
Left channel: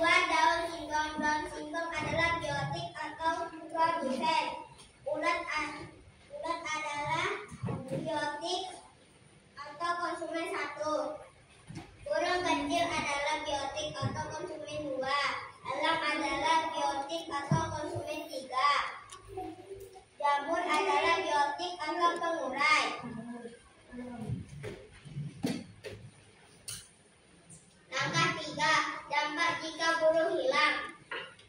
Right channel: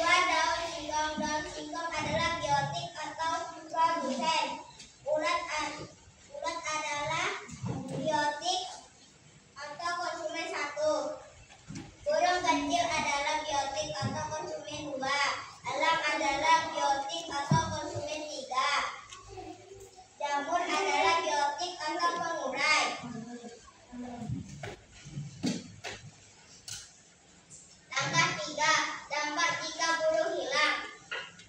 2, daun singkong. Daun singkong adalah biotik atau produsen. Ulat adalah biotik atau konsumen 1. Burung kecil adalah biotik atau konsumen 2. Elang adalah biotik atau konsumen 3. Jamur adalah biotik atau pengurai. Langkah 3, dampak jika bulu hilang.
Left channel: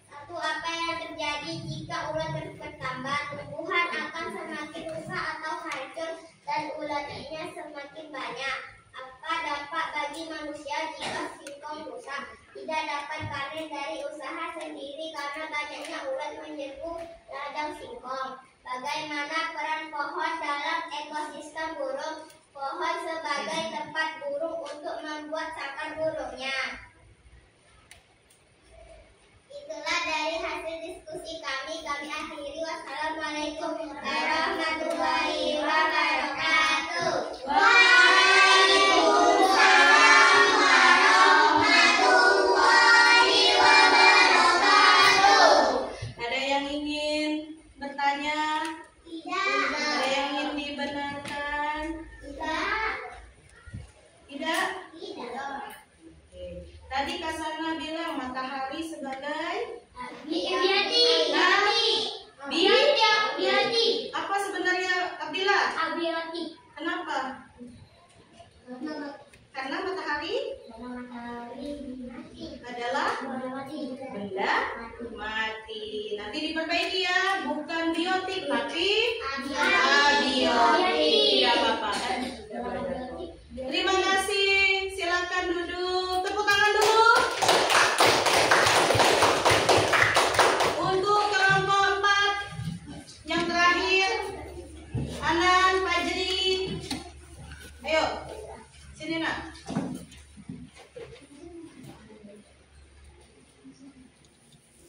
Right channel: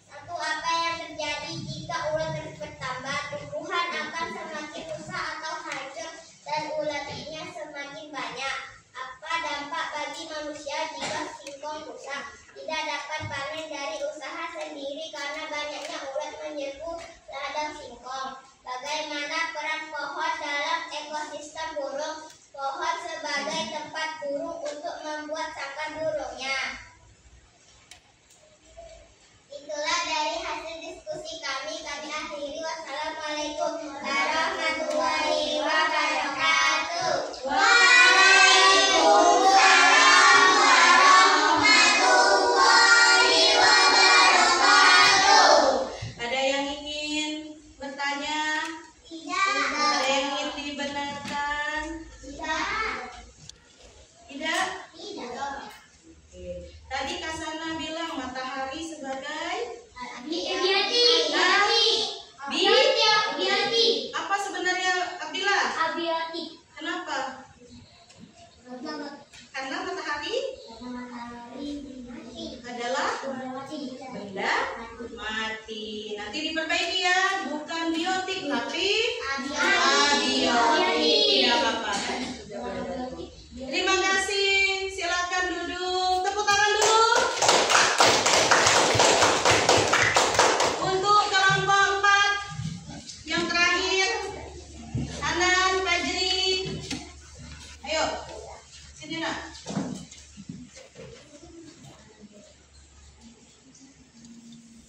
1, apa yang terjadi jika ulat terus bertambah? Tumbuhan akan semakin rusak atau hancur dan ulatnya semakin banyak. Apa dampak bagi manusia jika singkong rusak? Tidak dapat panen dari usaha sendiri karena banyaknya ulat menyerbu ladang singkong. Bagaimana peran pohon dalam ekosistem burung? Pohon sebagai tempat burung untuk membuat sarang burungnya. Itulah dari hasil diskusi kami. Kami akhiri. Wassalamualaikum warahmatullahi wabarakatuh. Waalaikumsalam warahmatullahi wabarakatuh. Ada yang ingin bertanya? Tidak. Ada yang ingin dibenarkan? Tidak. Tidak? Tidak. Oke. Tadi Kak Sana bilang matahari sebagai Abiotik. Bi? Apa sebenarnya Abdillah? Abiotik. Kenapa? Karena matahari adalah benda mati. Nanti diperbaiki ya, bukan biotik tapi abiotik. Tidak apa-apa kan? Sudah belajar. Terima kasih. Silakan duduk. Tepuk tangan dulu. Untuk kelompok 4 yang terakhir, Anan, Fajri. Ayo, sini nak.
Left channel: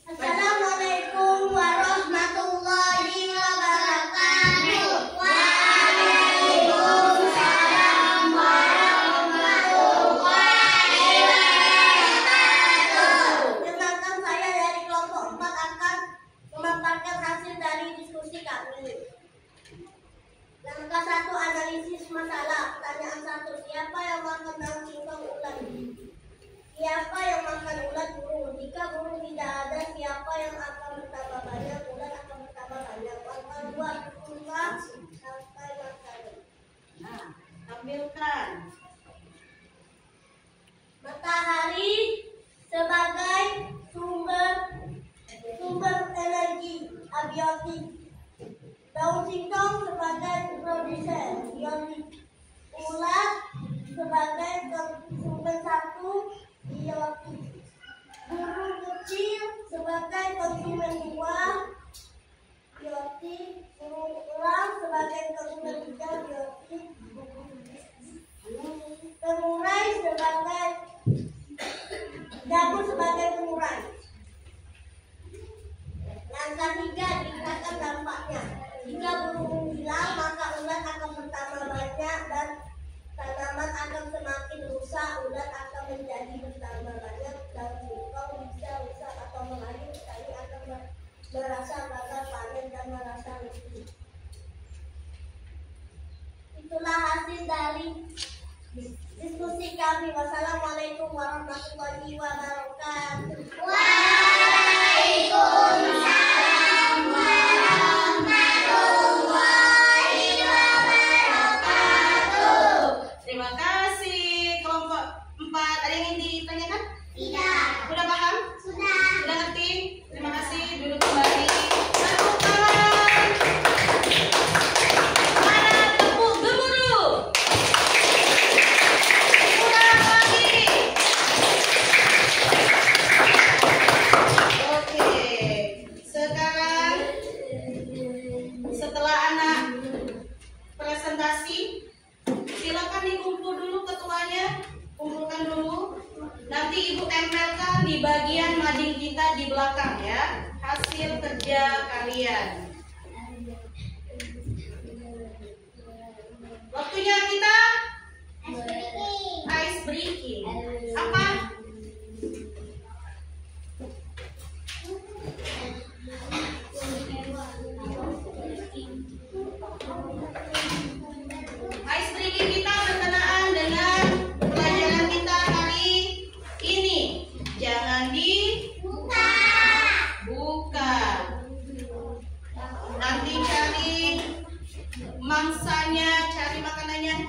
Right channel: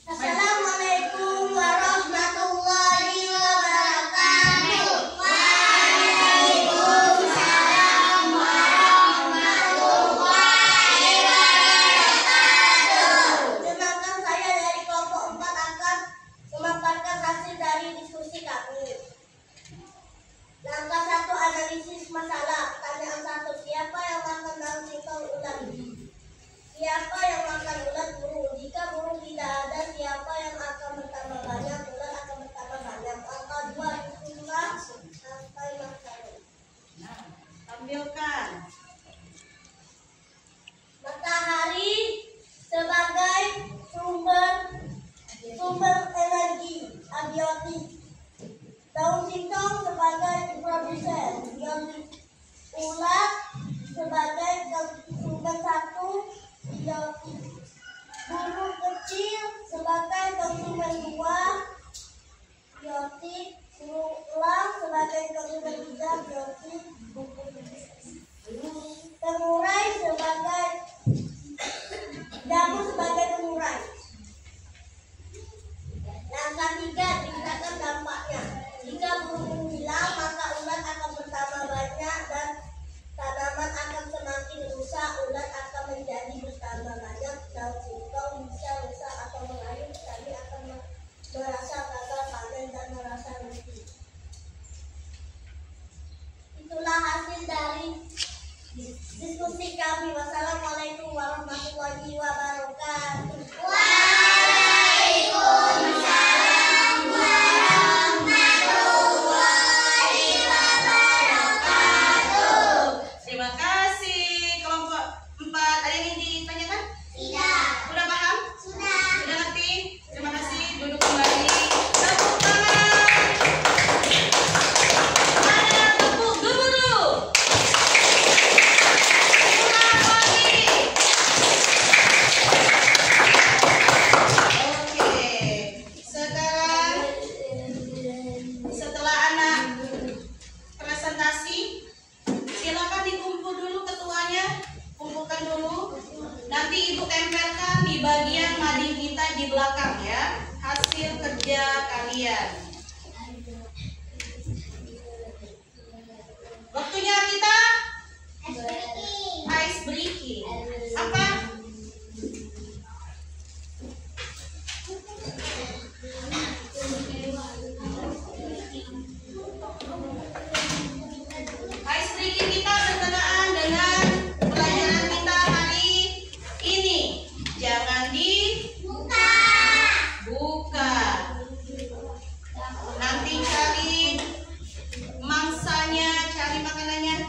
Assalamualaikum warahmatullahi wabarakatuh. Waalaikumsalam warahmatullahi wabarakatuh. Kenalkan, saya dari kelompok 4 akan memaparkan hasil dari diskusi kami. Langkah 1, analisis masalah. Pertanyaan 1, siapa yang makan daun singkong ulat? Siapa yang makan ulat? Burung. Jika burung tidak ada, siapa yang akan bertambah banyak? Ulat akan bertambah banyak. Langkah 2, susunan rantai makanan. Nah, tampilkan. Matahari sebagai sumber energi abiotik. Daun singkong sebagai produsen biotik. Ulat sebagai konsumen 1 biotik.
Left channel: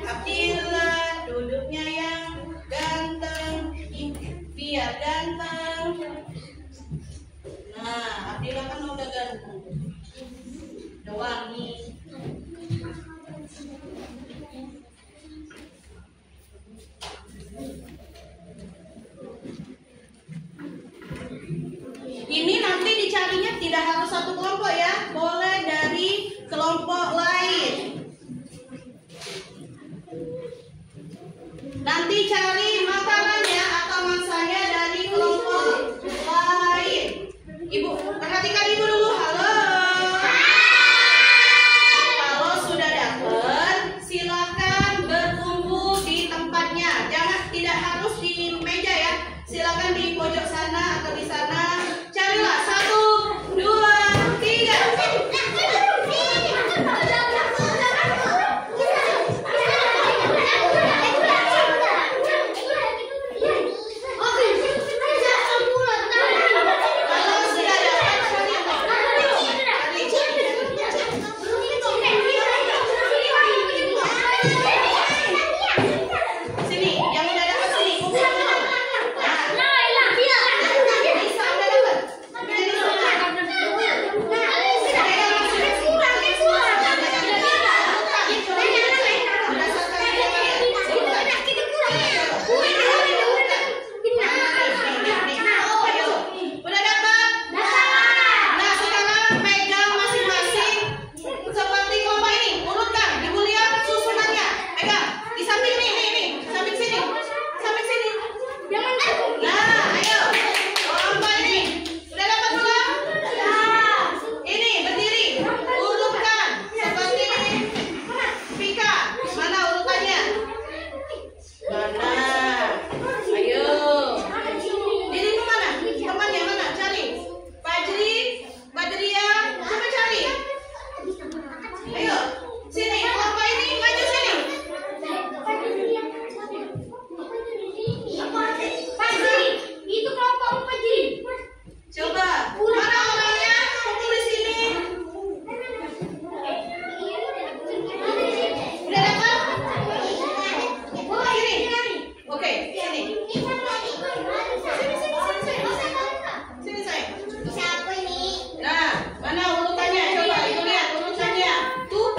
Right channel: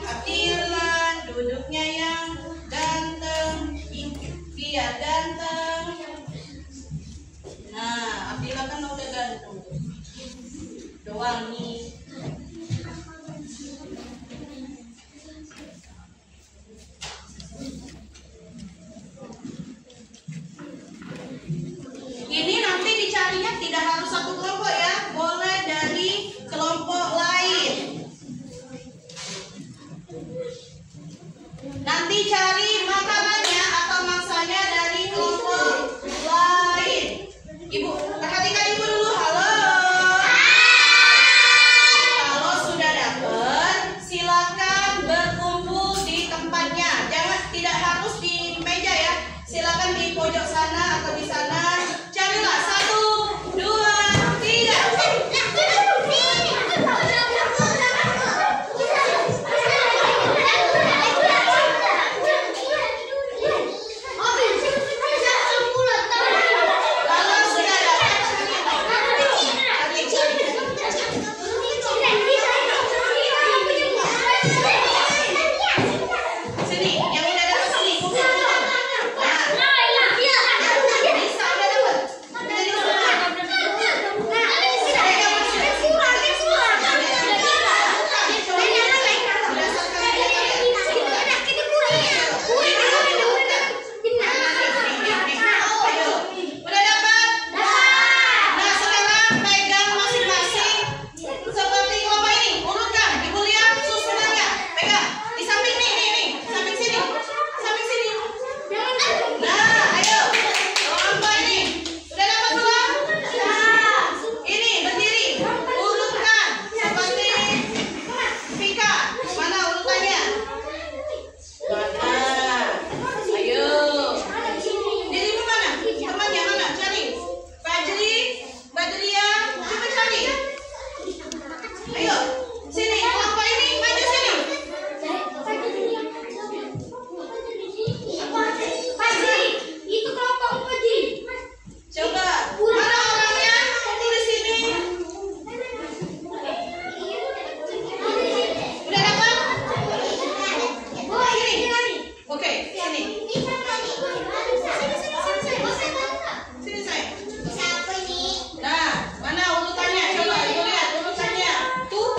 Abdillah duduknya yang ganteng, biar ganteng. Nah, Abdillah kan udah ganteng, udah wangi. Ini nanti dicarinya tidak harus satu kelompok ya, boleh dari kelompok lain. Nanti cari makanannya atau mangsanya dari kelompok lain. Ibu, perhatikan ibu dulu. Halo. Kalau sudah dapat, silakan berkumpul di tempatnya. Tidak harus di meja ya. Silakan di pojok sana atau di sana. Carilah 1, 2, 3. Sini, yang udah dapat sini. Bisa udah dapat. Udah dapat? Nah, sekarang pegang masing-masing seperti kelompok ini. Urutkan, ibu lihat susunannya. Pegang di samping nih, samping sini, samping sini. Nah, ayo kelompok ini udah dapat belum? Ini berdiri, urutkan seperti Vika. Mana urutannya? Mana? Ayo. Dirimu mana? Temannya mana? Cari. Fajri, Badria, coba cari. Ayo, sini. Kelompok ini maju sini. Coba. Mana orangnya? Kumpul di sini. Udah dapat? Sini. Oke, sini. Sini saya. Nah, mana urutannya? Coba ibu lihat urutannya. Tuh,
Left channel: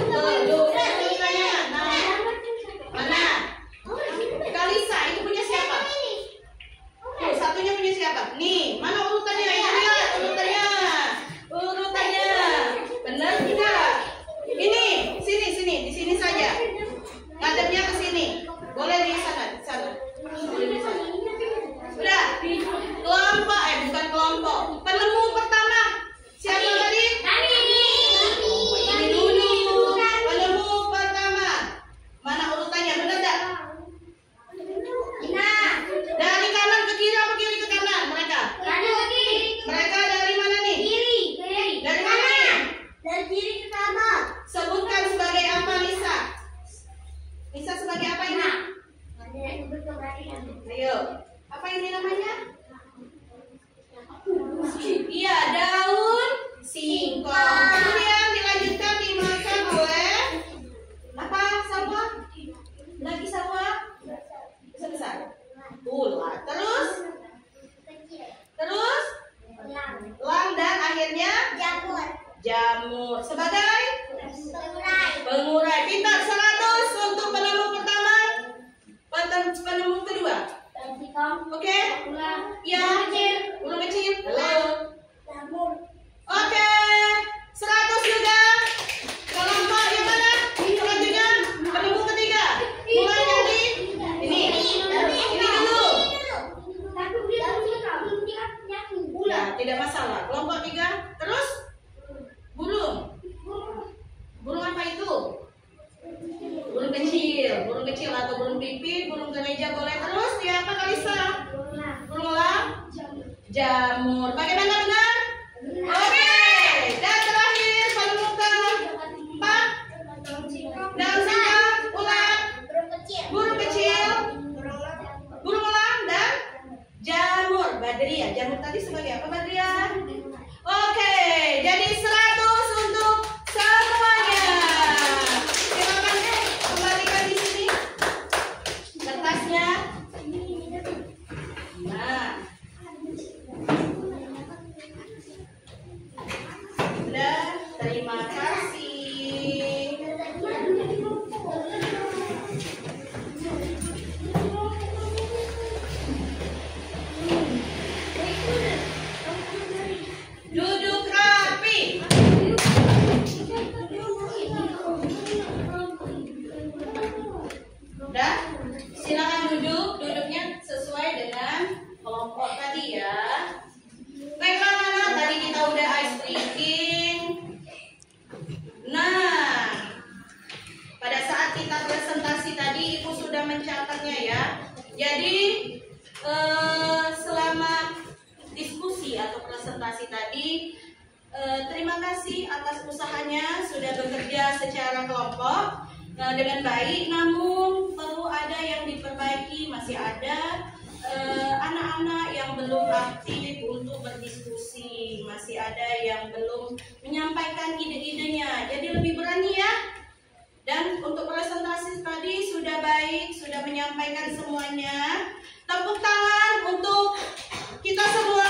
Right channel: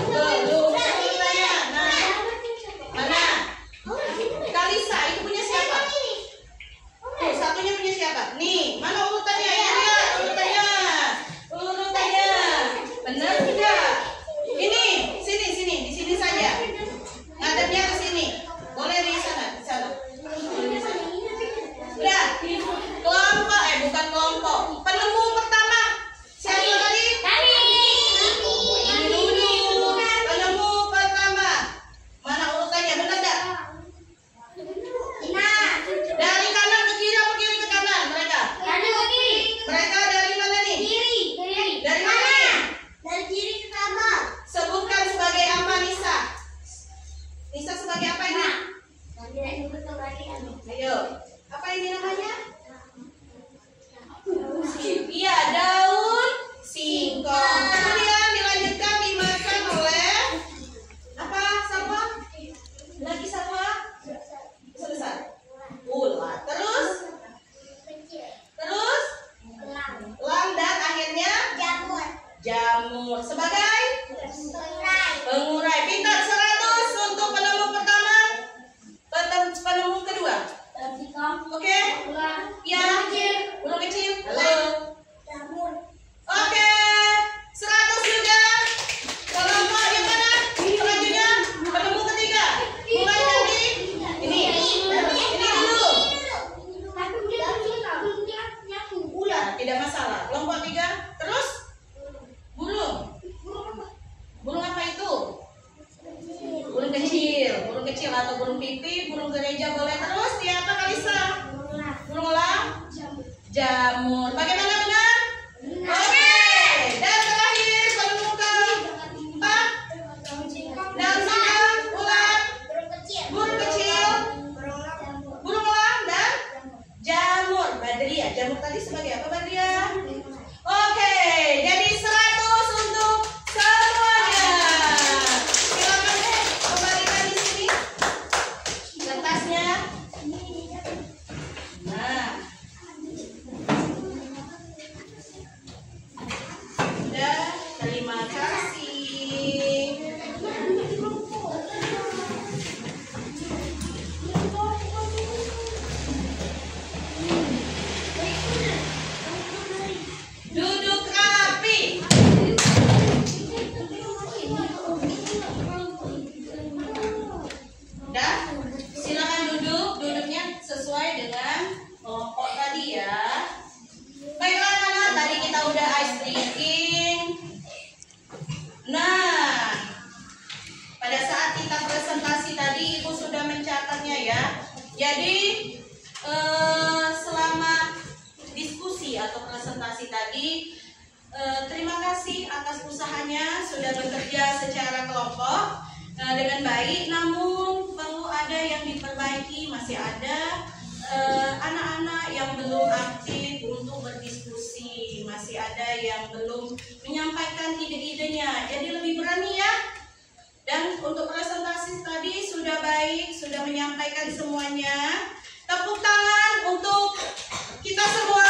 bekerja secara kelompok dengan baik, namun perlu ada yang diperbaiki. Masih ada anak-anak yang belum aktif untuk berdiskusi, masih ada yang belum menyampaikan ide-idenya. Jadi lebih berani ya. Dan untuk presentasi tadi sudah baik, sudah menyampaikan semuanya. Tepuk tangan untuk kita semua.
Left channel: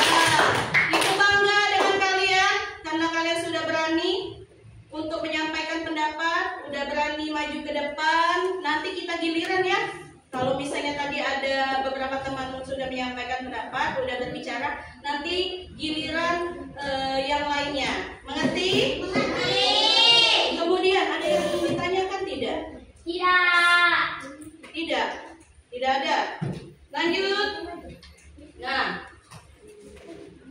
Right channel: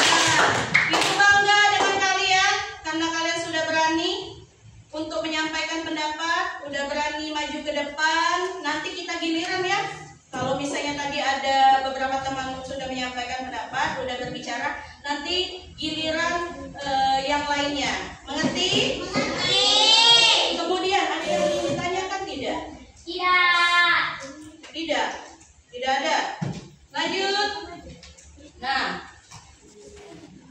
Nah, Ibu bangga dengan kalian karena kalian sudah berani untuk menyampaikan pendapat, udah berani maju ke depan. Nanti kita giliran ya. Kalau misalnya tadi ada beberapa teman sudah menyampaikan pendapat, udah berbicara, nanti giliran yang lainnya. Mengerti? Mengerti. Kemudian ada yang ingin ditanyakan tidak? Tidak. Tidak. Tidak ada. Lanjut. Nah,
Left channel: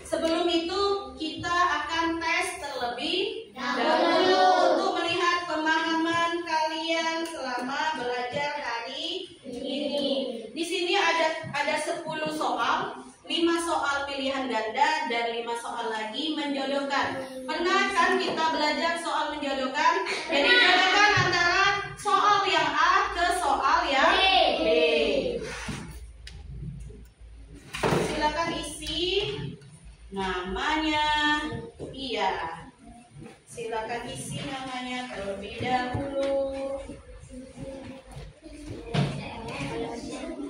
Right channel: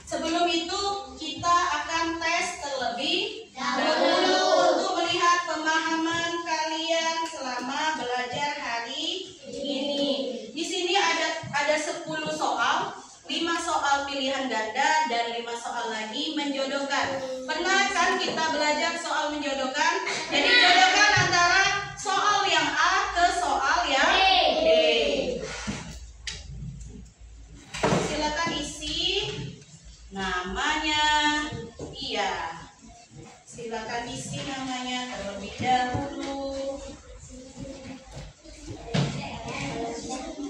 sebelum itu kita akan tes terlebih dahulu untuk melihat pemahaman kalian selama belajar hari ini. Di sini ada 10 soal, 5 soal pilihan ganda dan 5 soal lagi menjodohkan. Pernah kan kita belajar soal menjodohkan? Jadi jodohkan antara soal yang A ke soal yang B. Silakan isi namanya. Iya. Silakan isi namanya terlebih dahulu.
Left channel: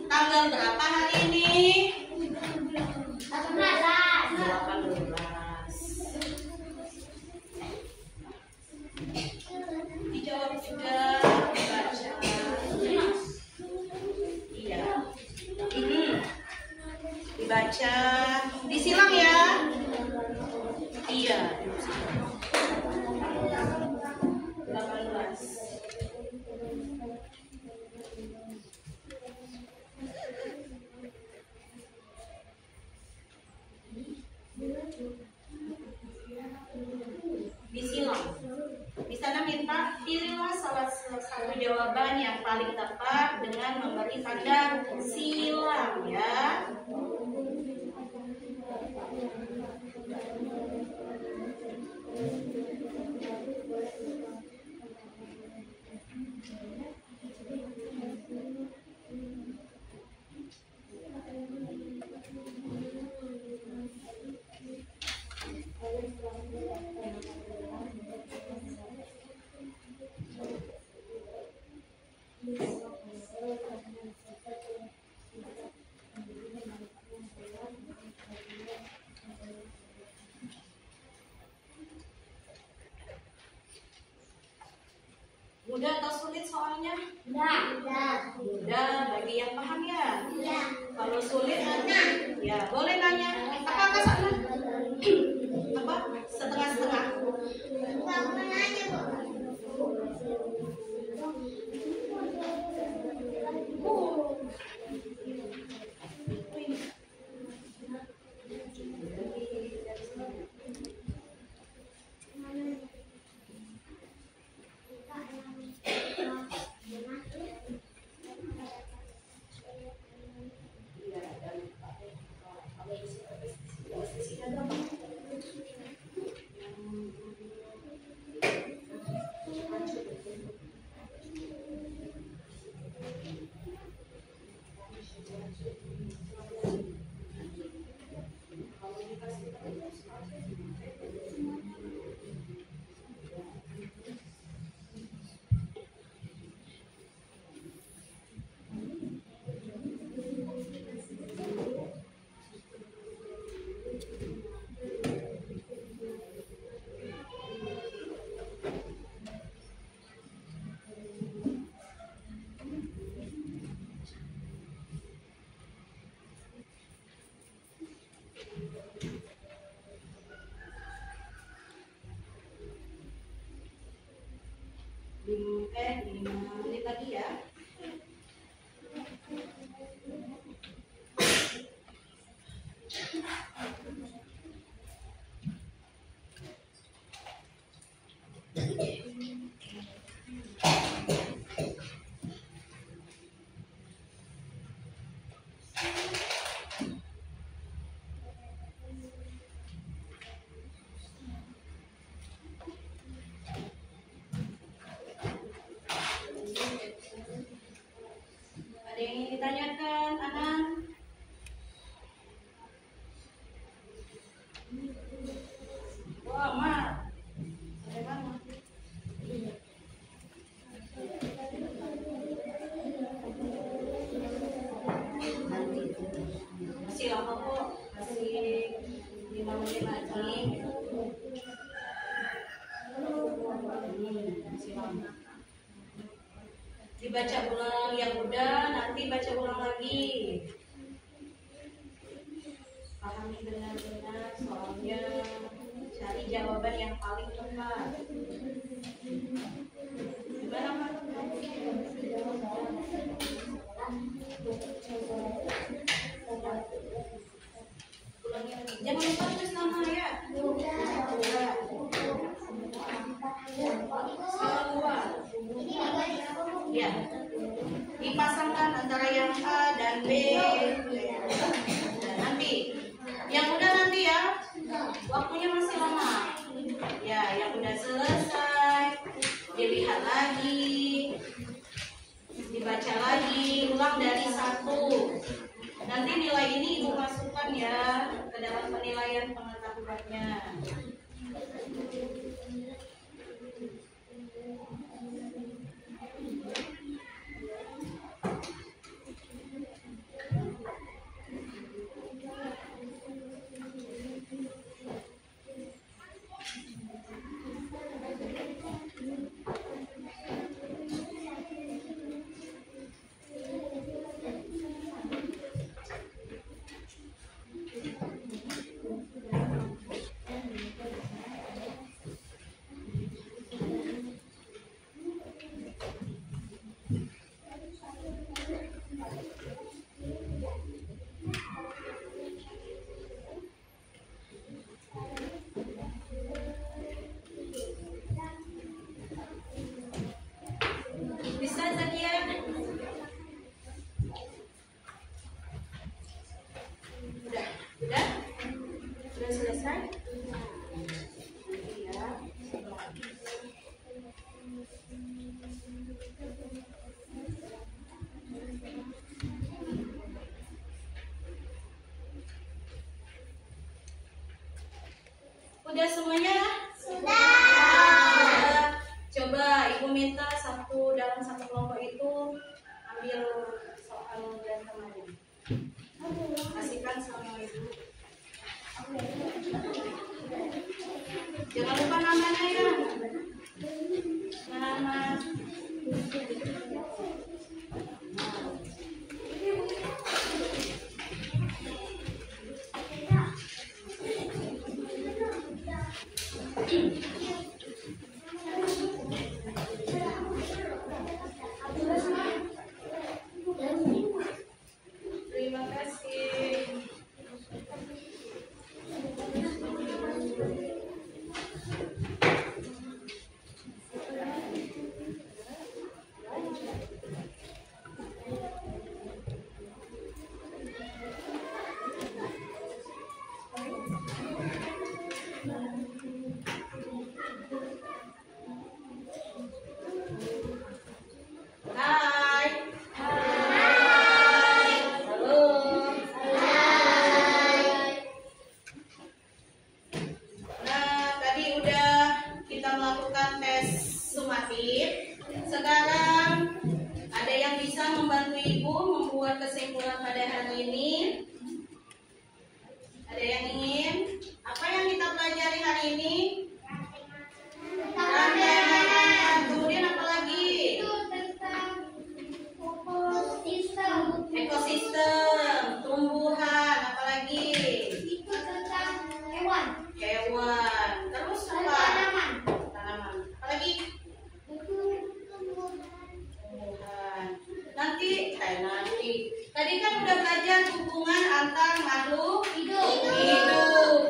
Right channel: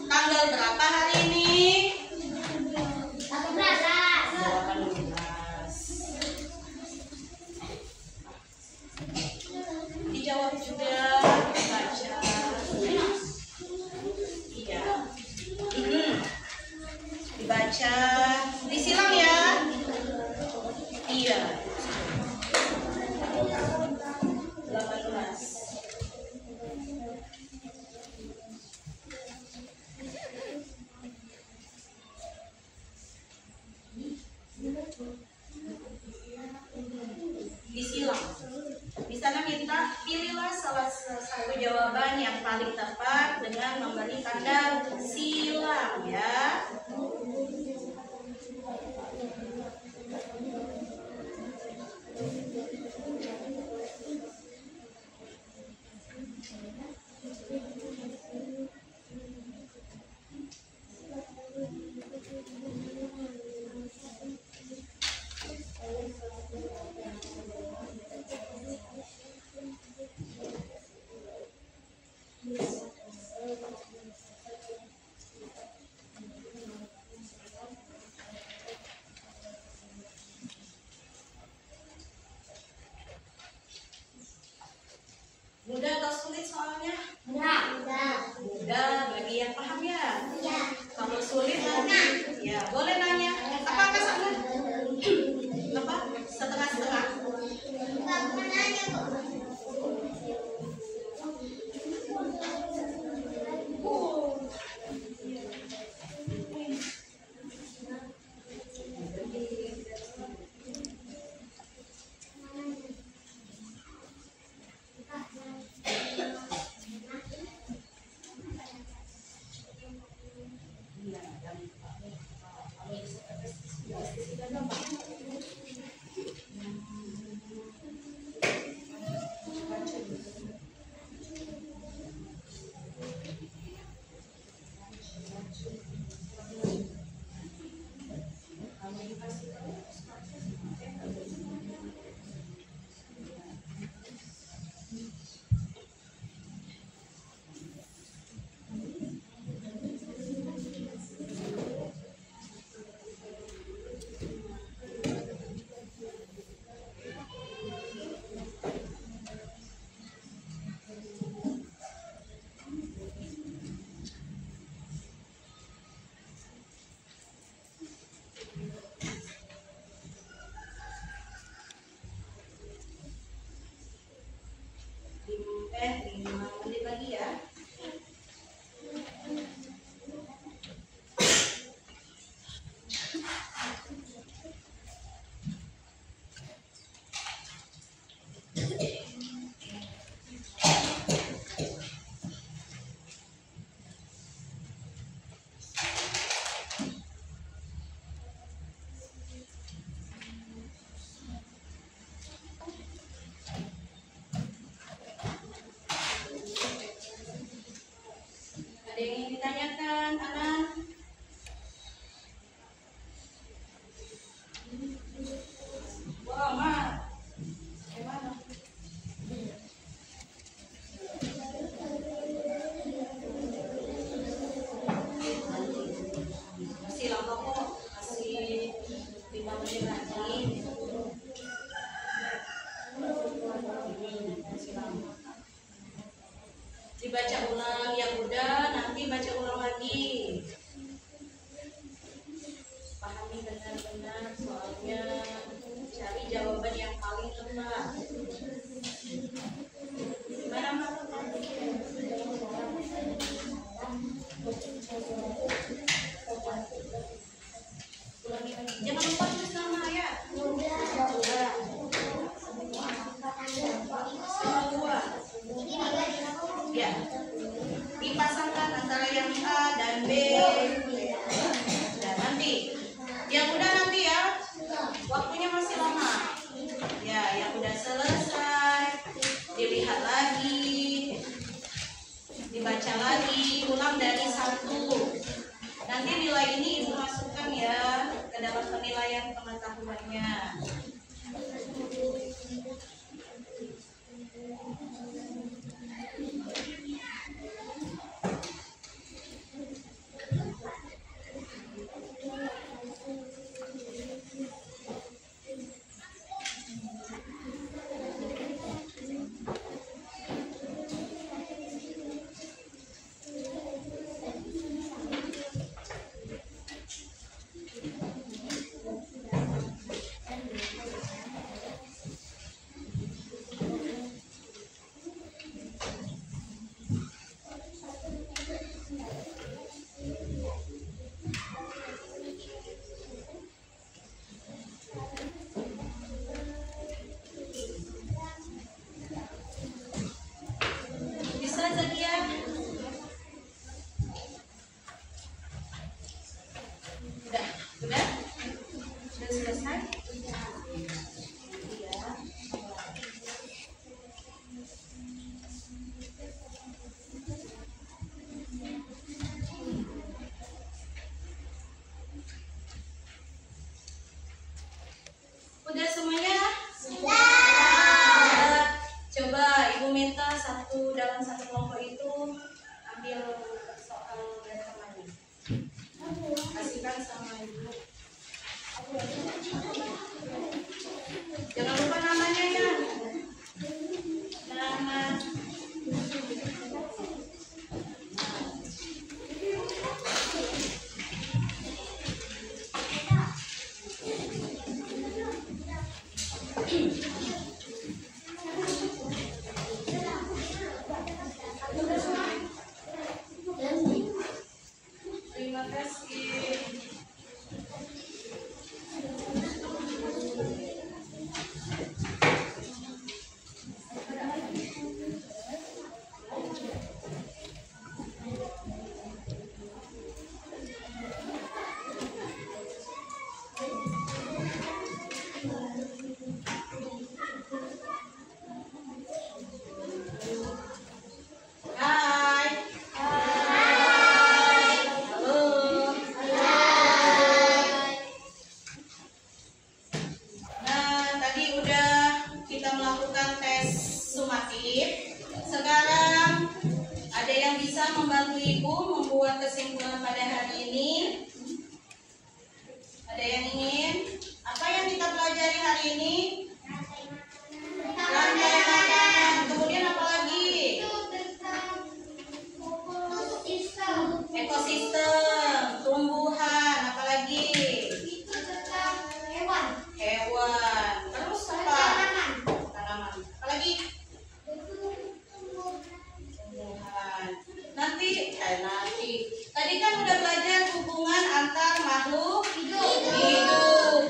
Tanggal berapa hari ini? 18. Dijawab juga, baca. Iya. Dibaca, disilang ya. Iya. 18. Disilang. Di sana minta pilihlah salah satu jawaban yang paling tepat dengan memberi tanda silang ya. Dibaca ulang, yang udah nanti baca ulang lagi. Pahami benar-benar soalnya, cari jawaban yang paling tepat. Gimana, Mbak? Ulangi lagi. Jangan lupa tulis nama ya. Semua. Ya. Dipasangkan antara yang A dan B. Dan nanti yang udah nanti ya. Waktunya masih lama. Ya, yang udah selesai dilihat lagi, dibaca lagi, ulang dari 1. Nanti nilai ini Ibu masukkan ya ke dalam penilaian pengetahuannya. Sudah selesai? Iya. Udah semuanya? Sudah. Coba Ibu minta dalam satu kelompok itu ambil soal dan temani. Kasihkan sama Ibu. Jangan lupa namanya ya. Nama. Terima kasih. Hai. Hai. Halo. Hai. Nah, tadi udah kita melakukan tes sumatif. Sekarang ada yang bisa membantu Ibu membuat kesimpulan pada hari ini? Ada yang ingin? Apa yang kita pelajari hari ini? Rantai makanan. Kemudian apa lagi? Ekosistem, tumbuhan, apa lagi? Hewan. Terus apa? Tanaman. Apa lagi? Tumbuhan. Nanti. Tadi kan udah belajar hubungan antar makhluk hidup.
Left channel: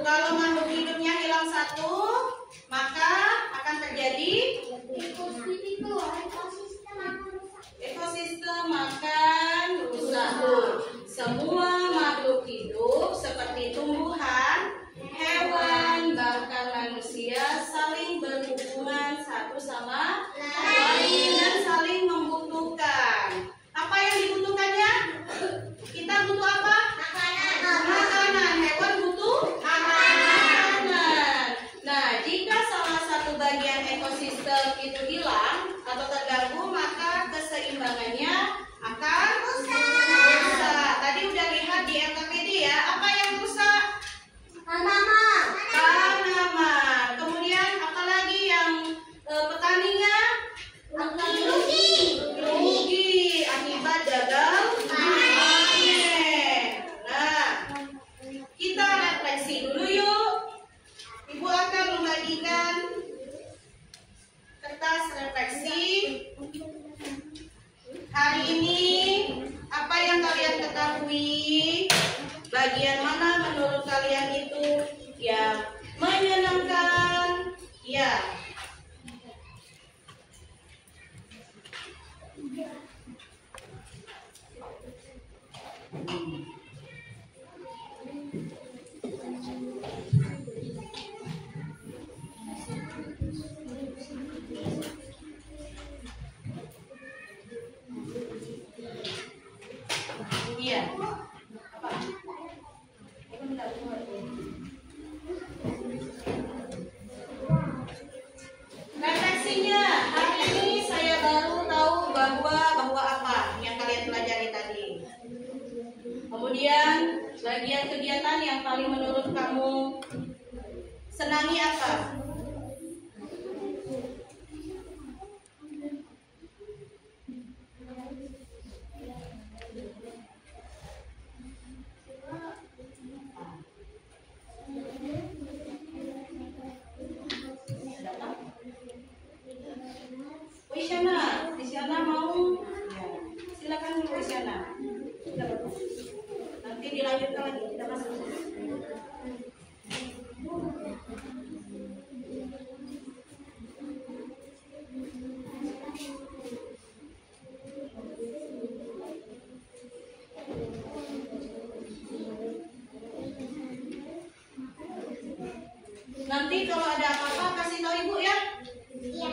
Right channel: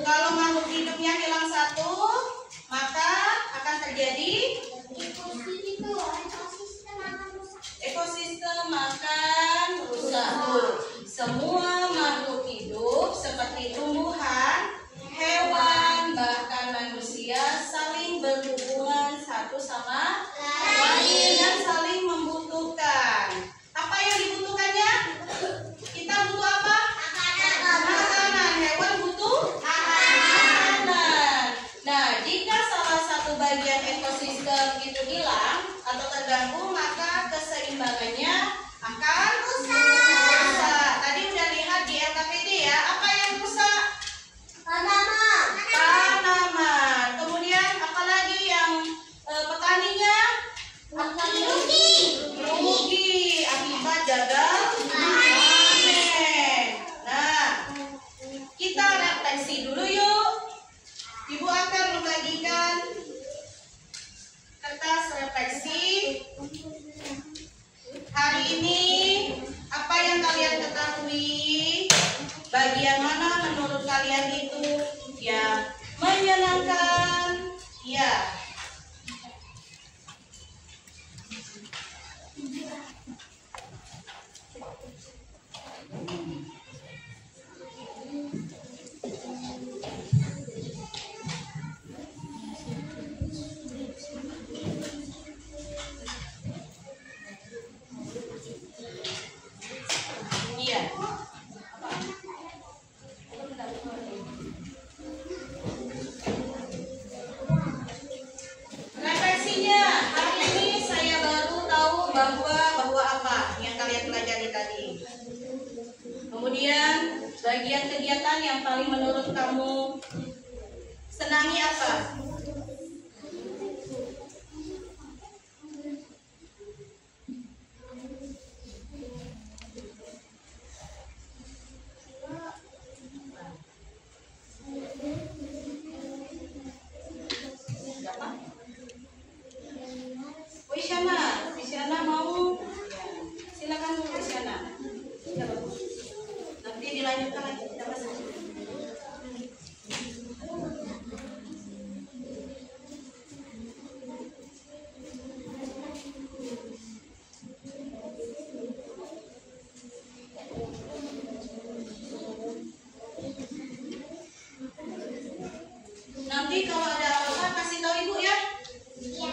Kalau makhluk hidupnya hilang satu, maka akan terjadi ekosistem akan rusak. Semua makhluk hidup seperti tumbuhan, hewan, bahkan manusia saling berhubungan satu sama lain dan saling membutuhkan. Apa yang dibutuhkannya? Kita butuh apa? Makanan. Hewan butuh makanan. Nah, jika salah satu bagian ekosistem itu hilang atau terganggu, maka keseimbangannya akan rusak. Tadi udah lihat di LKPD ya, apa yang rusak? Tanaman. Kemudian apalagi yang petaninya rugi. paling menurut kamu senangi apa? Isyana mau? Ya. Silakan Bu Isyana. Nanti dilanjutkan lagi kita masuk. Nanti kalau ada apa-apa kasih tahu Ibu ya. Iya.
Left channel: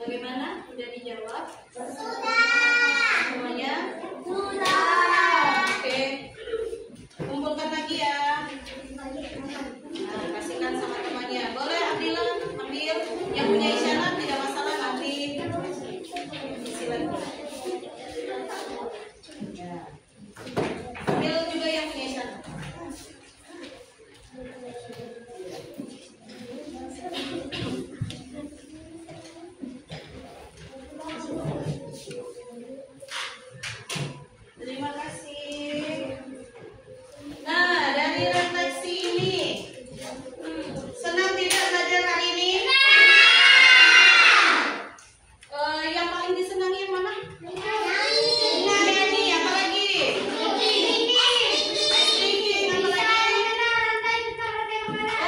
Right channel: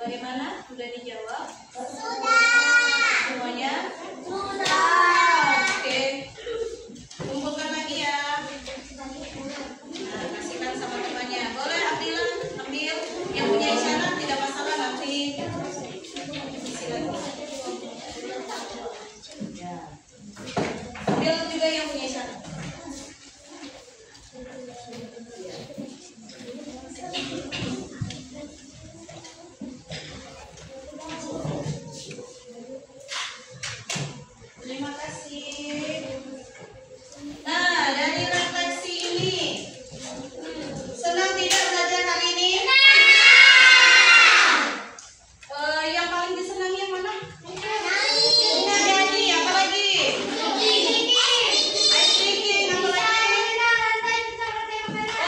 Bagaimana? Sudah dijawab? Sudah. Semuanya? Sudah. Oke. Kumpulkan lagi ya. Nah, kasihkan sama temannya. Boleh Abdillah ambil. Yang punya Isyana tidak masalah nanti. Isi lagi. Ya. Ambil juga yang punya Isyana. Terima kasih. Nah, dari refleksi ini, senang tidak belajar hari ini? Yang paling disenangi yang mana? Nyanyi, apa lagi? Ice breaking, apa lagi?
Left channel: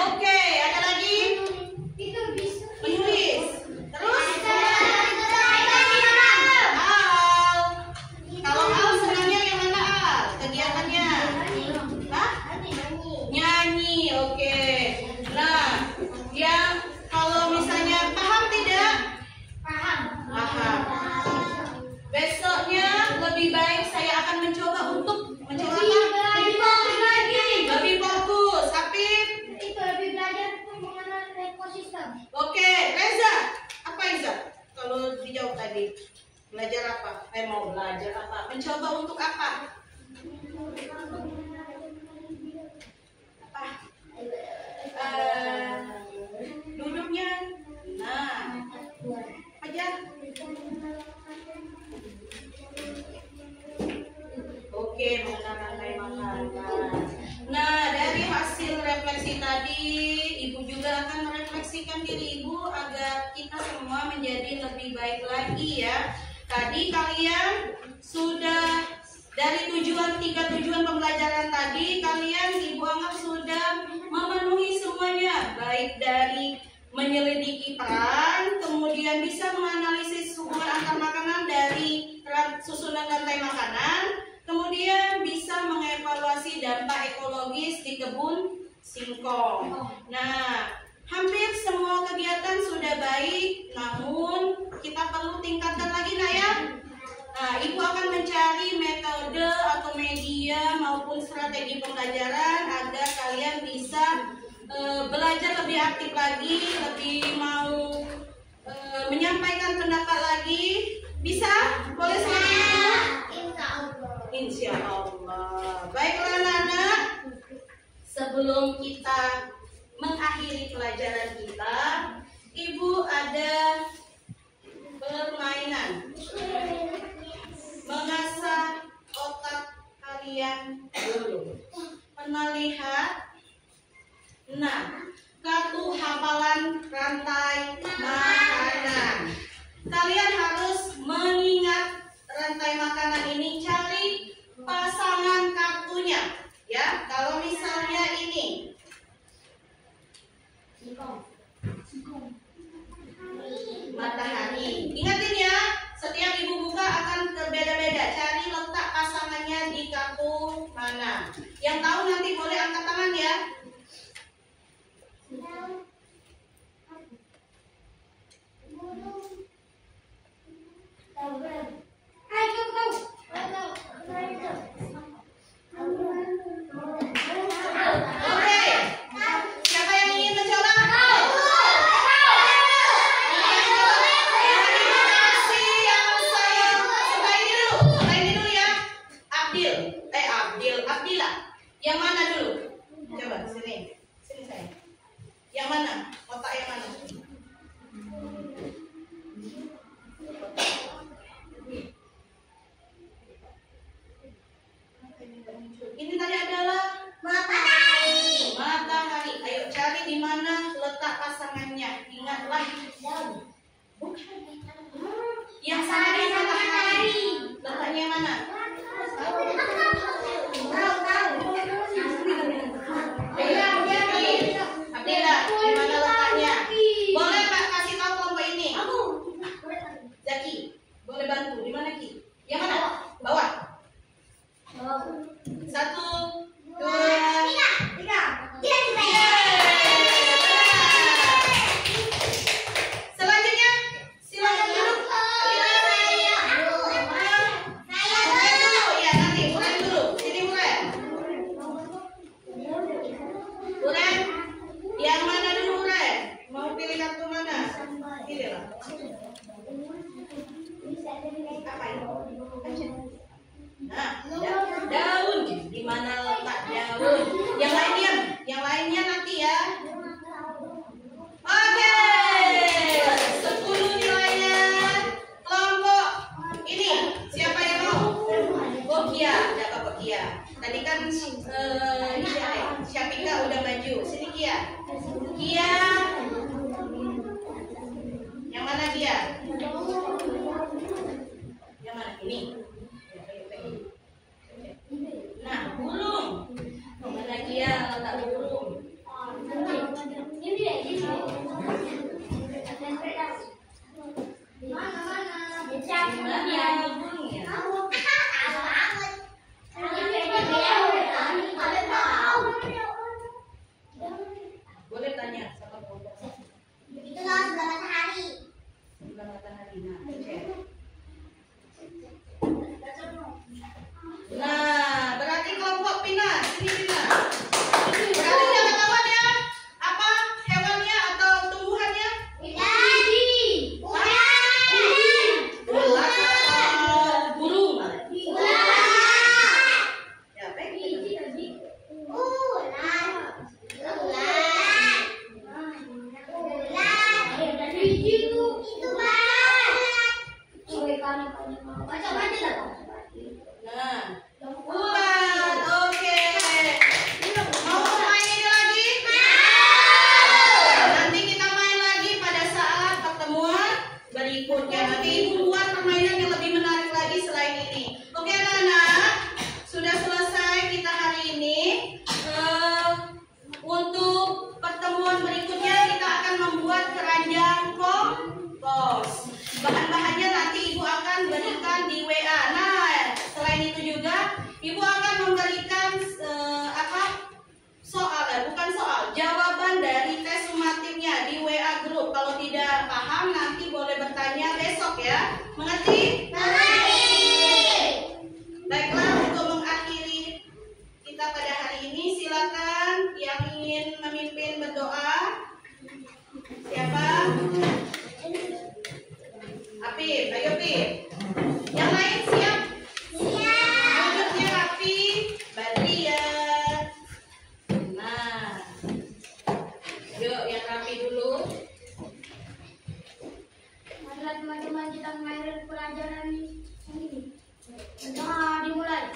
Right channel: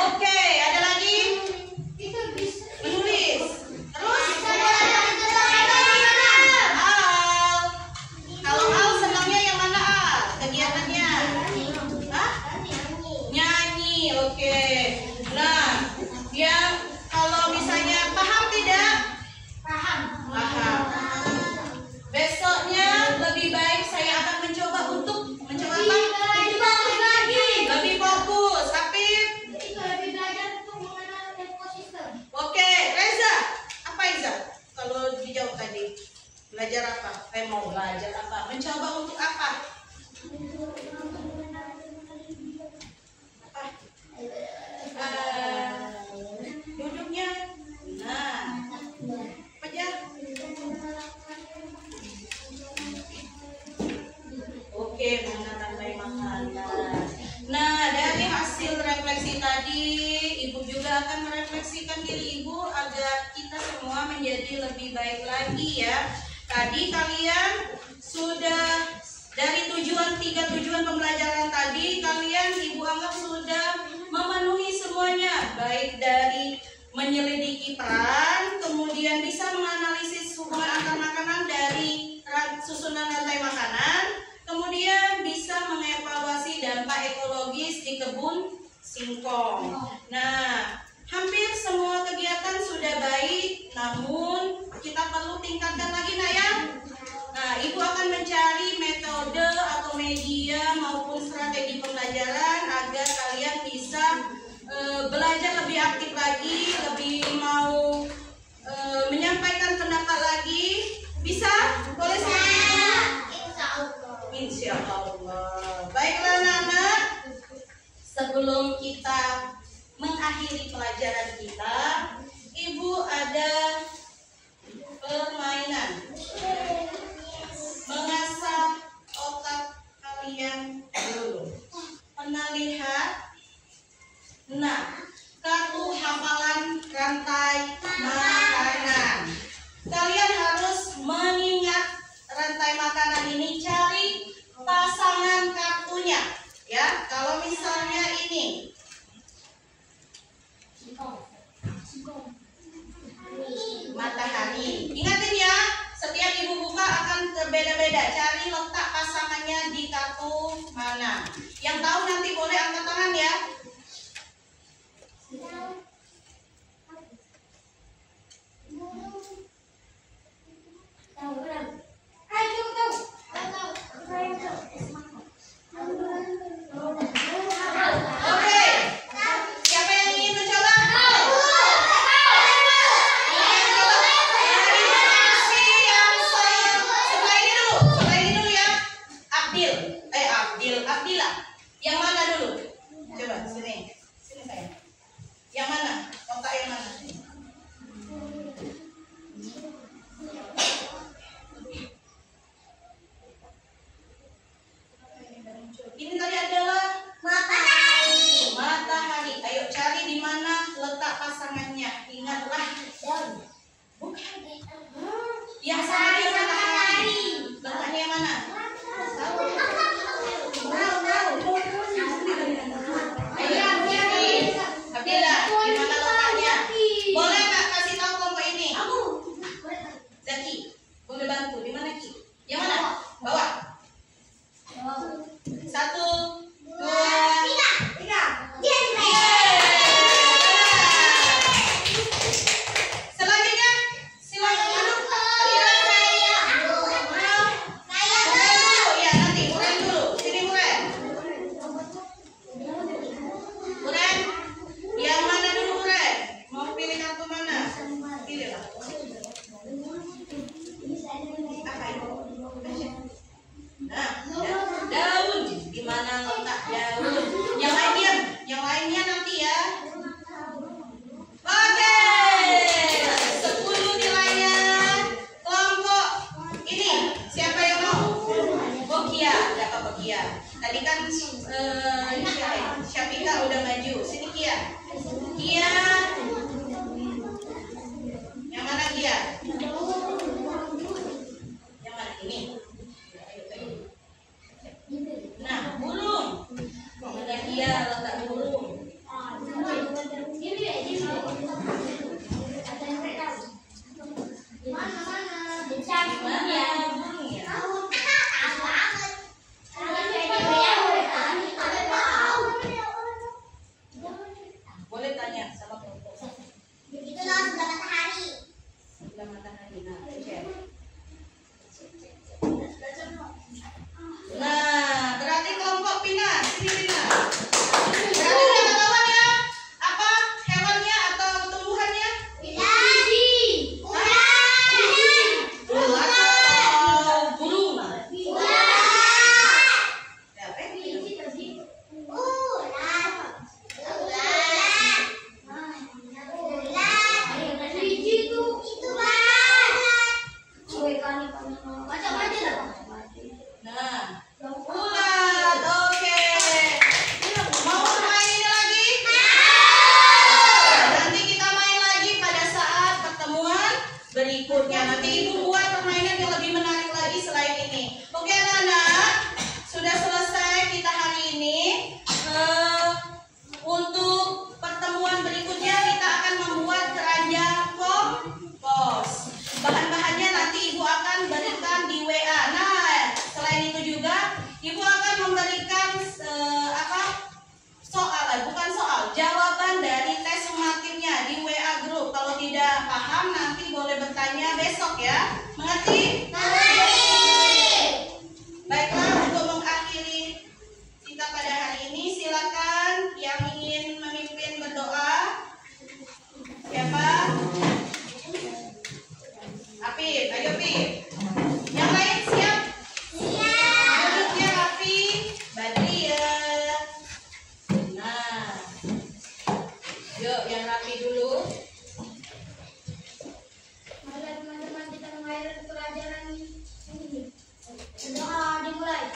Oke, ada lagi? Menulis. Terus? Al. Kalau Al senangnya yang mana Al? Kegiatannya? Hah? Nyanyi, oke. Nah, yang kalau misalnya paham tidak? Paham. Besoknya lebih baik saya akan mencoba untuk mencoba apa? Lebih fokus. Apip? Oke, Reza. Apa Iza? Kalau dijawab tadi, belajar apa? Mau belajar apa? Mencoba untuk apa? Duduknya. Nah, pejam. Oke, mengenal rantai makanan. Nah, dari hasil refleksi tadi, Ibu juga akan merefleksikan diri Ibu agar kita semua menjadi lebih baik lagi ya. Tadi kalian sudah dari tiga tujuan pembelajaran tadi, kalian Ibu anggap sudah memenuhi semuanya, baik dari menyelidiki peran, kemudian bisa menganalisis hubungan antar makanan dari susunan rantai makanan, kemudian bisa mengevaluasi dampak ekologis di kebun singkong. Nah, hampir semua kegiatan sudah baik, namun kita perlu tingkatkan lagi, nak ya. Nah, Ibu akan mencari metode atau media maupun strategi pembelajaran agar kalian bisa belajar lebih aktif lagi, lebih mau menyampaikan pendapat lagi. Bisa? Boleh seperti itu? Insya Allah. Baiklah anak-anak, sebelum kita mengakhiri pelajaran kita, Ibu ada permainan mengasah otak kalian dulu. Pernah lihat? Nah, kartu hafalan rantai makanan. Kalian harus mengingat rantai makanan ini, cari pasangan kartunya. Ya, kalau misalnya ini matahari. Ingatin ya, setiap Ibu buka akan berbeda-beda. Cari letak pasangannya di kartu mana. Yang tahu nanti boleh angkat tangan ya. Oke, siapa yang ingin mencoba? Abdillah. Yang mana dulu? Coba sini. Sini saya. Yang mana? Kotak yang mana? Ini tadi adalah matahari. Matahari. Ayo cari di mana letak pasangannya. Ingatlah. Bukan. Yang sama dengan matahari. Letaknya yang mana? Abdillah, di mana letaknya? Boleh Kak kasih tahu kelompok ini? Zaki, boleh bantu. Di mana Ki? Yang mana? Bawah. 1, 2, 3. Selanjutnya, silakan duduk. Ya, nanti Muren dulu. Sini Muren. Muren, yang mana dulu Muren? Mau pilih kartu mana? Pilihlah. Apa itu? Nah, daun. Di mana letak daun? Yang lain diam. Yang lainnya nanti ya. Oke. 10 nilainya. Kelompok ini siapa yang mau? Oh Kia, ada Bapak Kia. Tadi kan Syafika udah maju. Sini Kia. Kia. Yang mana Kia? Yang mana ini? Nah, burung. Mana Kia letak burung? Mana burungnya? Boleh tanya sama kelompok. Sebelah matahari. Nah, cek. Nah, berarti kelompok Pina, sini Pina. Berarti udah ketahuan ya apa hewannya atau tumbuhan paham nanti boleh bertanya besok ya. Mengerti? Baiklah, untuk mengakhiri kita pada hari ini, silakan yang ingin memimpin berdoa. Siapa? Apip, ayo Pip. Yang lain siap? Siap. Duduknya rapi, Badria. Nah, yuk yang rapi dulu. Marilah teman-teman kita mulai pelajaran ini. Berdoa dimulai.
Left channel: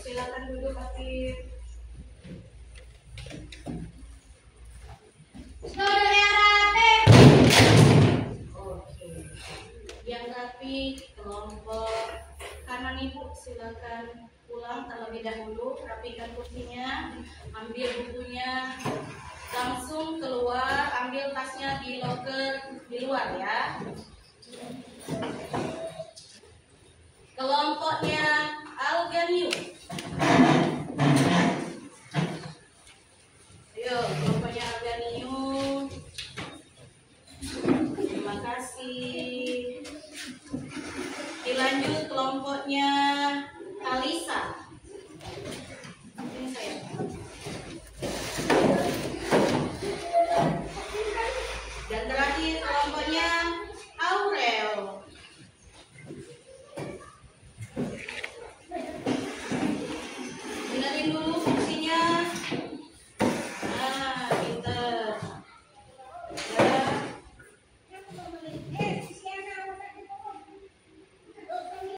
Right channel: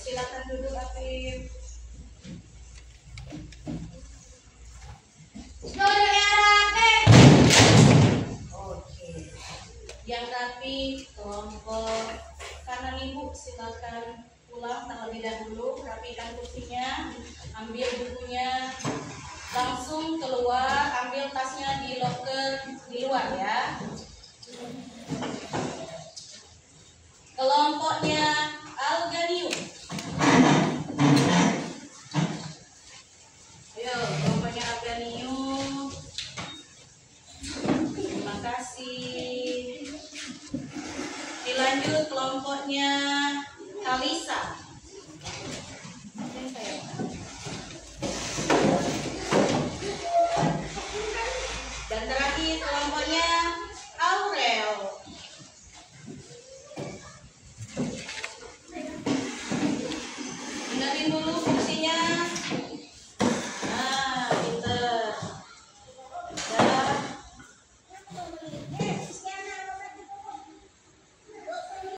Silakan duduk Apip. Oke. Yang rapi kelompok kanan ibu silakan pulang terlebih dahulu, rapikan kursinya, ambil bukunya, langsung keluar, ambil tasnya di loker di luar ya. Kelompoknya Alganium. Ayo, kelompoknya Alganium. Terima kasih. Dilanjut kelompoknya Kalisa. Dan terakhir kelompoknya